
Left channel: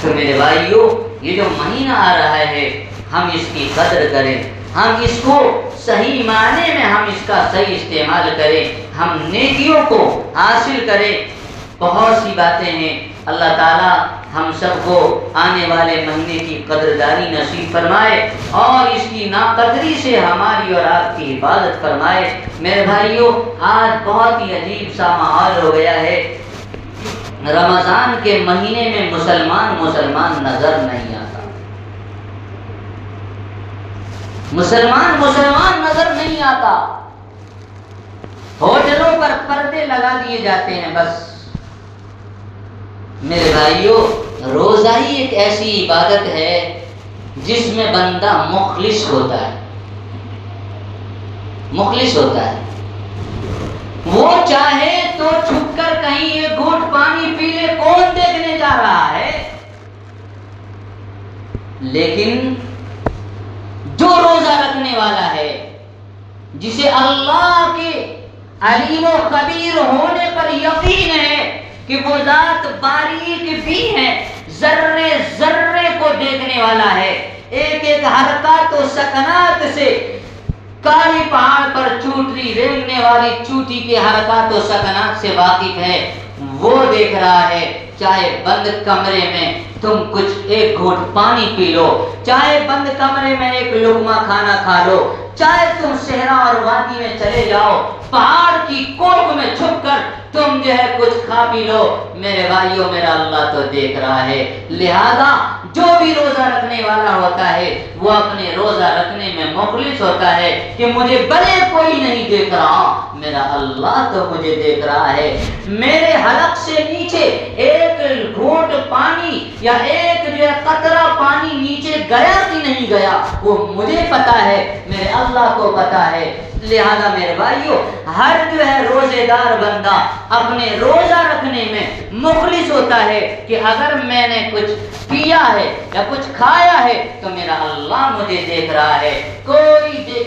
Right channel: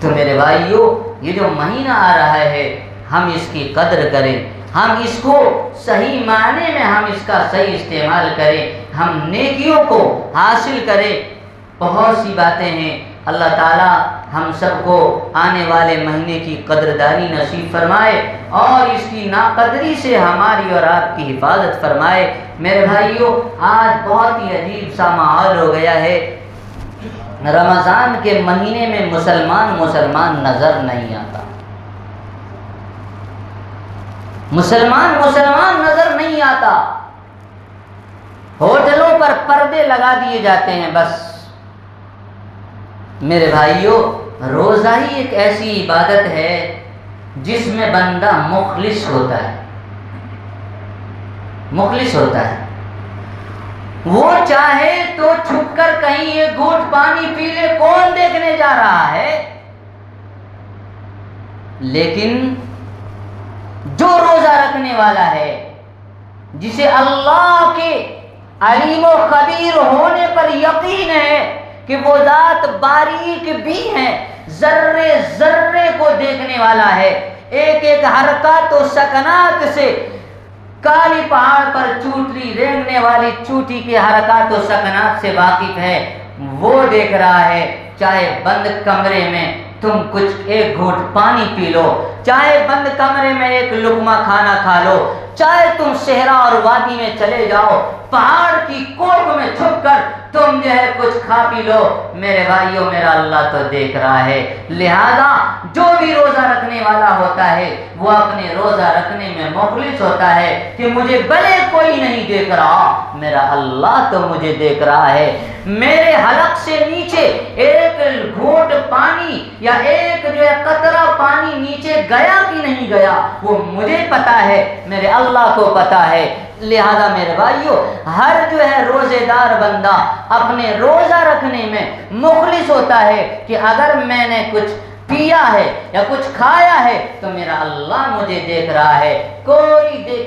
تو میرے بھائیوں، یہ جو مہینہ آ رہا ہے ہم اس کی قدر کریں، ہم اس کو صحیح معنی میں ہم اس کا صحیح استعمال کریں، ہم نیکیوں کو حاصل کریں۔ بہت سی باتیں ہیں، اللہ تعالیٰ ہم سب کو آنے والے مہینے کی قدردانی نصیب فرمائے اور اس کی ناقدری سے ہماری اور آپ کی حفاظت فرمائے۔ میرے بھائیوں، آج بہت ہی عجیب سا ماحول ہو گیا ہے، رمضان کے مہینے میں مسلمان نظر نہیں آتا، مسلمان نظر نہیں آتا، ہوٹلوں پر پردے لگا دیے جاتے ہیں بس۔ میرے بھائیوں، روزہ ہی ایک ایسی عبادت ہے جس میں بندہ مخلص ہوتا ہے، مخلص ہوتا ہے، وہ چاہے تو چھپ کر کہیں ایک گھونٹ پانی پی لے، کون دیکھنے جا رہا ہے، لیکن جو روزہ رکھنے والا ہے، جسے اللہ کے علیم و خبیر ہونے پر یقین ہے کہ وہ ذات باریک بھی ہے، ذرے ذرے کو دیکھنے والا ہے، ایک ایک حرکات و سکنات سے، کالی پہاڑ پر چوٹی رینگنے والی چوٹی کے حرکات و سکنات سے واقف ہے، وہ دیکھ رہا ہے۔ چاہے بند کمرے میں تم کچھ ایک گھونٹ پانی پی لو، چاہے بند کمرے میں ایک لقمہ کھانا کھا لو، چاہے تم صحرا اور وادی میں چلے جاؤ، پہاڑ کی کوکھ میں چھپ کر تم جو ہے کچھ کھا پی لو، میرے بھائیوں میرا اللہ تو دیکھ رہا ہے۔ لہذا جو بھی روزہ رکھنے والا ہوتا ہے وہ اپنے روزہ رکھنے میں مخلص ہوتا ہے کہ مجھے بھلے کوئی نہیں دیکھ رہا، میرا اللہ تو مجھے دیکھ رہا ہے۔ میرے حلق سے نیچے ایک گھونٹ پانی یا ایک جو ہے قطرہ پانی نیچے گیا کہ نہیں گیا وہ مجھے پتا ہے، میرے اللہ کو پتا ہے۔ لہذا میرے بھائیوں، ہر جو ہے روزے دار بندہ اپنے روزہ رکھنے میں مخلص ہوتا ہے کہ اگر میں نے کچھ پیا ہے یا کچھ کھایا ہے تو میرا اللہ مجھے دیکھ رہا ہے،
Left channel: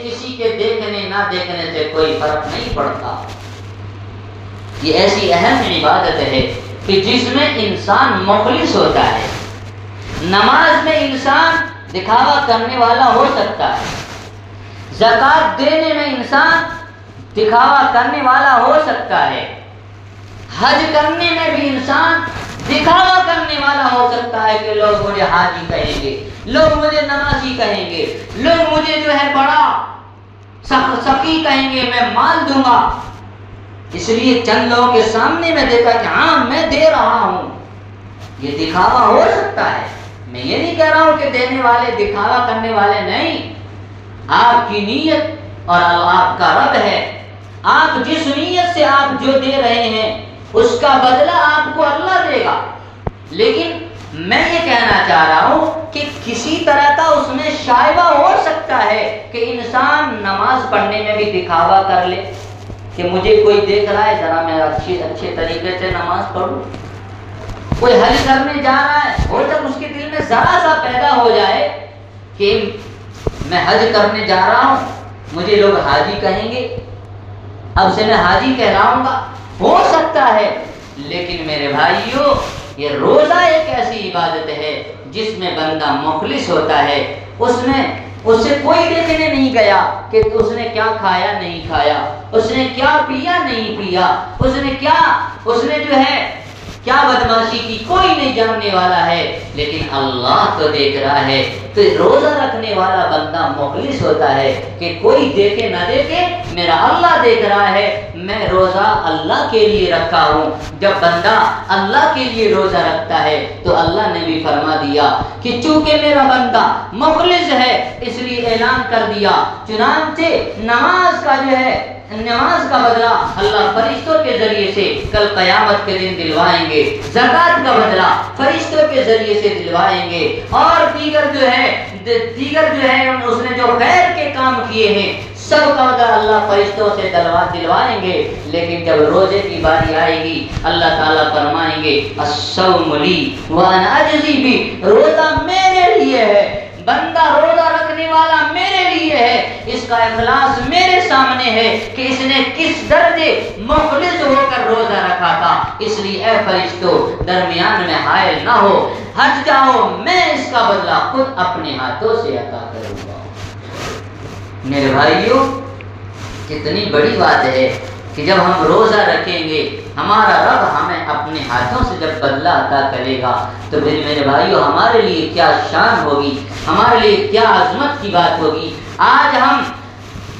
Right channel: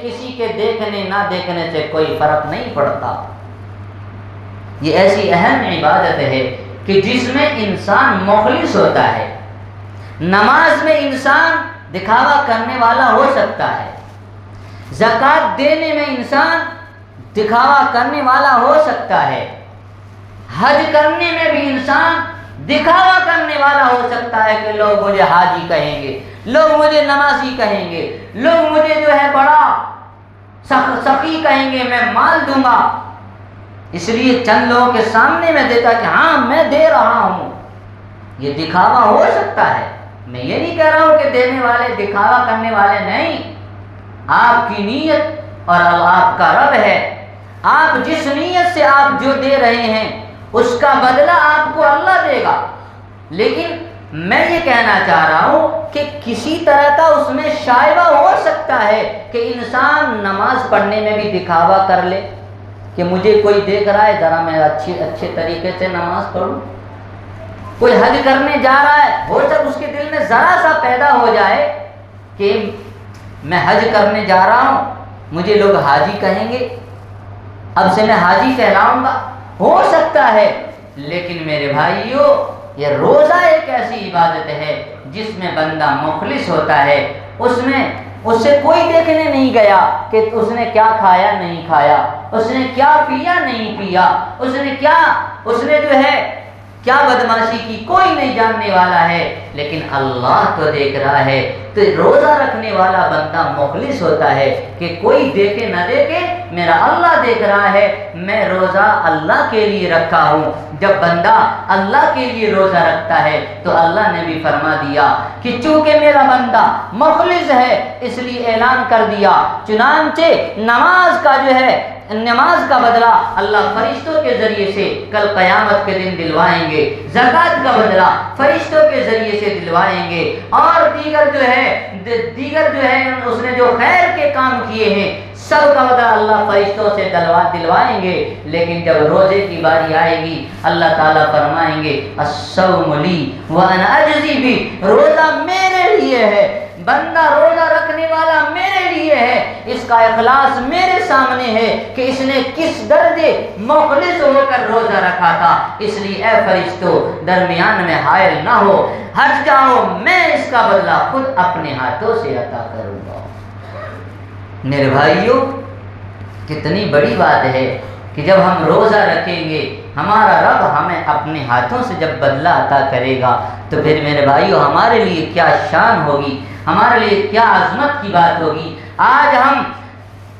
کسی کے دیکھنے نہ دیکھنے سے کوئی فرق نہیں پڑتا۔ یہ ایسی اہم عبادت ہے کہ جس میں انسان مخلص ہوتا ہے۔ نماز میں انسان دکھاوا کرنے والا ہو سکتا ہے، زکوٰۃ دینے میں انسان دکھاوا کرنے والا ہو سکتا ہے، حج کرنے میں بھی انسان دکھاوا کرنے والا ہو سکتا ہے کہ لوگ مجھے حاجی کہیں گے، لوگ مجھے نمازی کہیں گے، لوگ مجھے جو ہے بڑا سخی کہیں گے، میں مال دوں گا، اس لیے چند لوگوں کے سامنے میں دیتا کہ ہاں میں دے رہا ہوں، یہ دکھاوا ہو سکتا ہے۔ میں یہ نہیں کہہ رہا ہوں کہ دینے والے دکھاوا کرنے والے نہیں، آپ کی نیت اور آپ کا رب ہے، آپ جس نیت سے آپ جو دے رہے ہیں اس کا بدلہ آپ کو اللہ دے گا۔ لیکن میں یہ کہنا چاہ رہا ہوں کہ کسی طرح کا اس میں شائبہ ہو سکتا ہے کہ انسان نماز پڑھنے میں بھی دکھاوا کر لے کہ مجھے کوئی دیکھ رہا ہے، ذرا میں اچھے طریقے سے نماز پڑھوں۔ کوئی حج کرنے جا رہا ہے اور جب اس کے دل میں ذرا سا پیدا ہو جائے کہ میں حج کرنے جا رہا ہوں، مجھے لوگ حاجی کہیں گے، اب سے میں حاجی کہلاؤں گا، ہو سکتا ہے۔ لیکن میرے بھائیو، یہ روزہ ایک ایسی عبادت ہے جس میں بندہ مخلص ہوتا ہے، اس سے کوئی دیکھنے نہیں گیا کہ اس نے کیا کھایا نہیں کھایا، اس نے کیا پیا نہیں پیا، اس نے جو ہے کیا بدماشی کی، کوئی نہیں جاننے والا ہے، لیکن اللہ تو دیکھ رہا ہے۔ تو روزہ رکھنے والا بندہ مخلص ہوتا ہے کہ کوئی دیکھے نہ دیکھے، میرا اللہ دیکھ رہا ہے، میں روزہ اللہ کے لیے رکھا ہوں۔ جب بندہ اللہ کے لیے روزہ رکھتا ہے تو اللہ نے بھی فرما دیا کہ چونکہ میرا بندہ مخلص ہے اس لیے اعلان کر دیا، چنانچہ نماز کا بدلہ اللہ فرشتوں کے ذریعے سے کل قیامت کے دن دلوائیں گے، زکوٰۃ کا بدلہ فرشتوں کے ذریعے سے دلوائیں گے، اور دیگر جو ہے اس نے جو خیر کے کام کیے ہیں سب کا بدلہ اللہ فرشتوں سے دلوائیں گے۔ لیکن جب روزے کی باری آئے گی اللہ تعالیٰ فرمائیں گے الصوم لی وانا اجزی بھی، روزہ میرے لیے ہے، بندہ روزہ رکھنے والا میرے لیے ہے، اس کا اخلاص میرے سامنے ہے کہ اس نے کس درجے مخلص ہو کر روزہ رکھا تھا۔ اس لیے اے فرشتوں درمیان میں حائل نہ ہو، ہٹ جاؤ، میں اس کا بدلہ خود اپنے ہاتھوں سے عطا کروں گا۔ میرے بھائیوں، کتنی بڑی بات ہے کہ جب ہم روزہ رکھیں گے ہمارا رب ہمیں اپنے ہاتھوں سے جب بدلہ عطا کرے گا تو پھر میرے بھائیوں ہمارے لیے کیا شان ہوگی، ہمارے لیے کیا عظمت کی بات ہوگی۔ آج ہم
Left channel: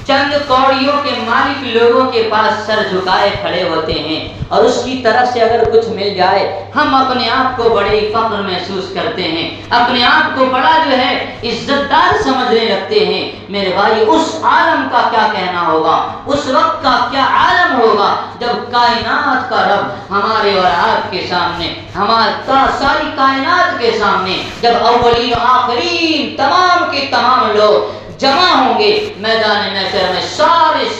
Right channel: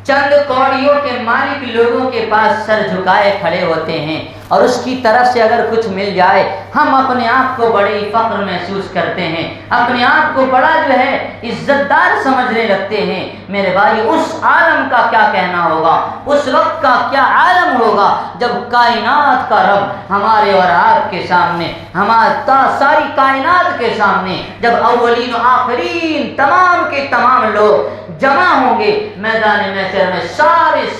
چند کوڑیوں کے مالک لوگوں کے پاس سر جھکائے کھڑے ہوتے ہیں اور اس کی طرف سے اگر کچھ مل جائے ہم اپنے آپ کو بڑے فخر محسوس کرتے ہیں، اپنے آپ کو بڑا جو ہے عزت دار سمجھنے لگتے ہیں۔ میرے بھائی اس عالم کا کیا کہنا ہوگا، اس وقت کا کیا عالم ہوگا جب کائنات کا رب ہمارے اور آپ کے سامنے، ہمارا ساری کائنات کے سامنے، جب اولین و آخرین تمام کے تمام لوگ جمع ہوں گے میدان محشر میں،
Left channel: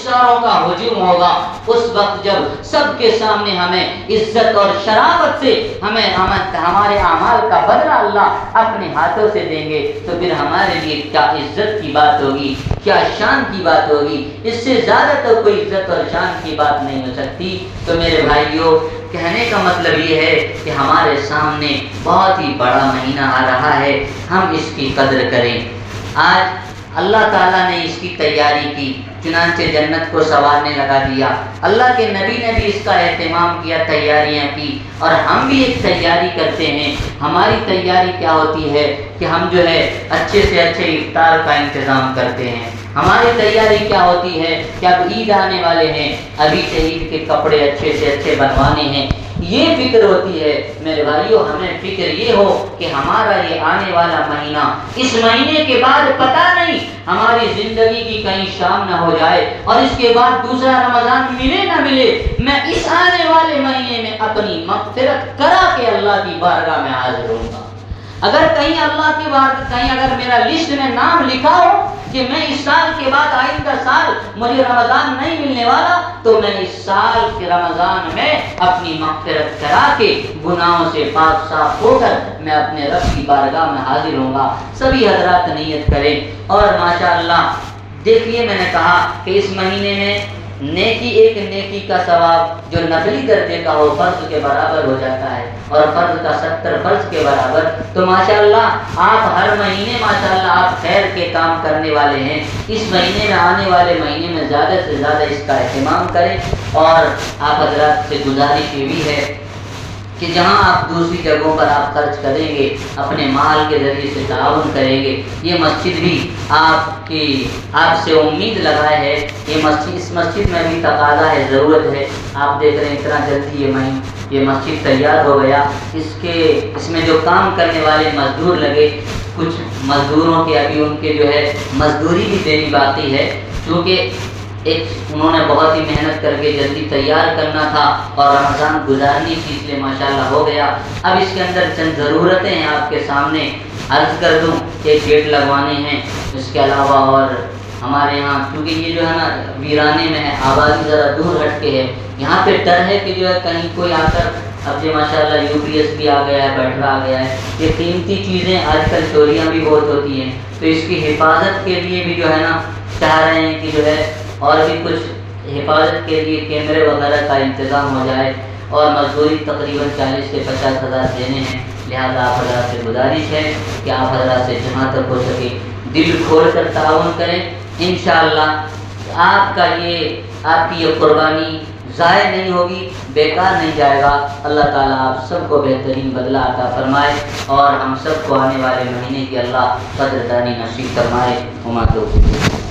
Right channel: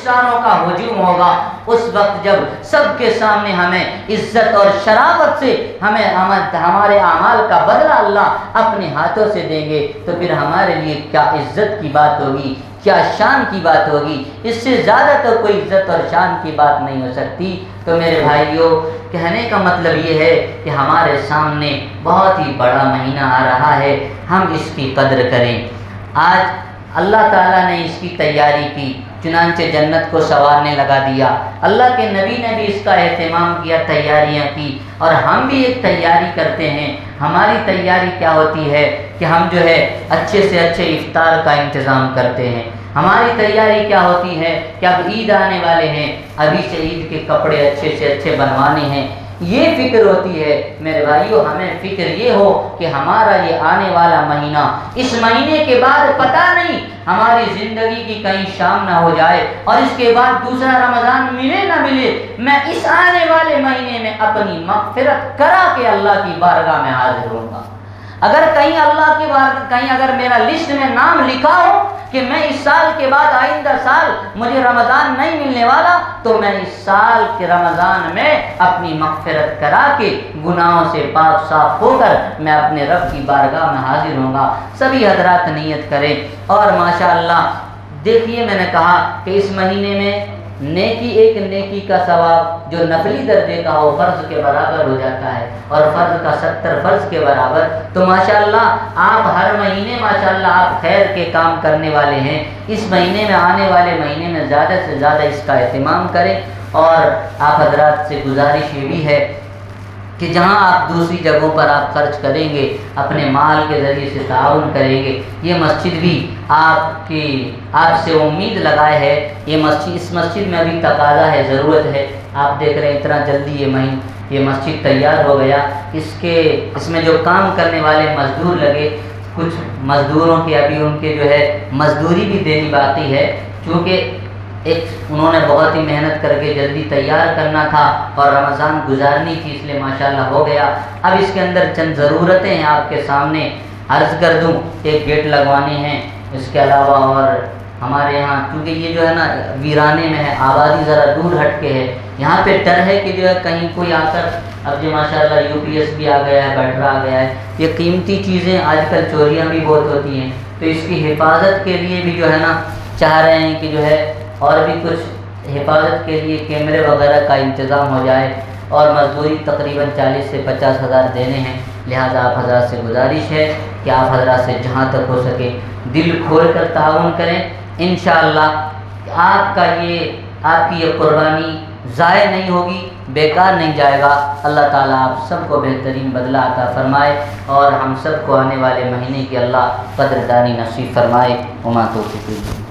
ساروں کا ہجوم ہوگا۔ اس وقت جب سب کے سامنے ہمیں عزت اور شرافت سے ہمارے اعمال کا بدلہ اللہ اپنے ہاتھوں سے دیں گے تو پھر ہمارے لیے کیا عزت کی بات ہوگی، کیا شان کی بات ہوگی۔ اس سے زیادہ تو کوئی عزت اور شان کی بات نہیں ہو سکتی۔ تو میرے بھائیوں، کہنے کا مطلب یہ ہے کہ ہمارے سامنے بہت ہی بڑا مہینہ آ رہا ہے، ہم اس کی قدر کریں۔ آج اللہ تعالیٰ نے اس کی تیاری کی، چنانچہ جنت کو سنوارنے لگا دیا۔ اللہ کے نبی نے بھی اس کا اہتمام کیا، تیاریاں کی، اور ہم بھی ایک تیاری کرتے ہیں۔ ہماری تیاری کیا ہوتی ہے کہ ہم جو ہے اچھے سے اچھے افطار کا انتظام کرتے ہیں۔ ہماری تیاری کیا ہوتی ہے کہ اب عید آنے والے ہیں، ابھی سے عید کے کپڑے اچھے سے اچھے بنوانے ہیں، یہ فکر ہوتی ہے۔ میرے بھائیوں، ہمیں فکر یہ ہو کہ ہمارا یہ آنے والا مہینہ، اس مہینے کے بعد پتہ نہیں ہماری زندگی کی کہیں شام نہ ہو جائے اور اس کے بعد دوسرا رمضان ملے نہ ملے، میں اس آنے والے مہینے میں اپنی مغفرت کرا کے اللہ کی بارگاہ میں حاضر ہوں گا۔ اگر کہیں اللہ کی بات، کہیں اگر میرا لسٹ میں نام لکھا ہو کہ میں اس سال کے بعد آئندہ سال مجھے رمضان نہیں ملنے والا، تو میں اس سال کے رمضان میں اپنی مغفرت کرا کے گناہوں سے پاک صاف ہو کر میں اپنے رب کی بارگاہ میں حاضر ہوں گا۔ سبھی حضرات نیت کریں، اور ماشاءاللہ دیکھیے میں نے کہا کہ اس مہینے میں ایک نیکی کا ثواب جو نفلی درجے کا ہو فرض کے برابر ہو جاتا ہے، اور فرض کا 70 فرض کے برابر۔ تو ماشاءاللہ آپ ہر مہینے ماشاءاللہ آپ خیر کے کام کرنے والے ہیں، اس مہینے میں آنے والے مہینے میں زیادہ سے زیادہ اس کا اہتمام کریں۔ اور آپ حضرات سے گزارش یہ بھی ہے کہ جہاں آپ دوسری جگہوں پر آپ خرچ کریں گے، اپنے مال کے ذریعے سے تعاون کریں گے، یہ مسجد بھی آپ سے امید لگائے ہے، اس مسجد میں بھی تقاضا ہے، ضرورت ہے۔ آپ دیکھ رہے ہیں اتنا جلدی یہ مسجد تیار ہو گیا، اس میں جو کام کرنے والے مزدور لگے، کچھ مزدوروں کے ابھی ان کے جو ہے مزدوری بھی دینی باقی ہے، کیونکہ انہوں نے بہت ہی محنت کر کے جلدی تیار کرنا تھا اور رمضان گزارنی تھی، اس لیے ماشاءاللہ ہو گیا۔ اب اس کے اندر چند ضرورتیں ہیں آپ کے سامنے عرض کر دوں، ایک گیٹ لگوانے ہیں، اس کے علاوہ اور ہمارے یہاں کیونکہ یہ جو ہے نا ویرانے میں ہے، آبادی ذرا دور ہٹ کے ہے، یہاں پہ ڈر ہے کہ جو ہے کہیں کوئی آ کر، اب جو ماشاءاللہ UPS بھی آ گیا ہے، بیٹھر آ گیا ہے، یہ قیمتی چیزیں آج کل چوریاں بھی بہت ہوتی ہیں، تو اس کی حفاظت کے لیے بھی جو ہے نا چاہ رہے ہیں کہ جو ہے اور بھی کچھ حفاظت کے لیے کیمرے وغیرہ کا انتظام ہو جائے، اور مزدوری تقریباً 40 سے 50 ہزار دینے ہیں، لہذا آپ حضرات سے گزارش ہے کہ آپ حضرات سے جہاں تک ہو سکے دل کھول کر تعاون کریں، انشاءاللہ آپ کی یہ قربانی ضائع نہیں ہوگی، بیکار نہیں جائے گا۔ اللہ تعالیٰ آپ سب کو بہترین بدلہ عطا فرمائے اور ہم سب کو آنے والے مہینے کی اللہ قدردانی نصیب فرمائے۔ وما توفیقی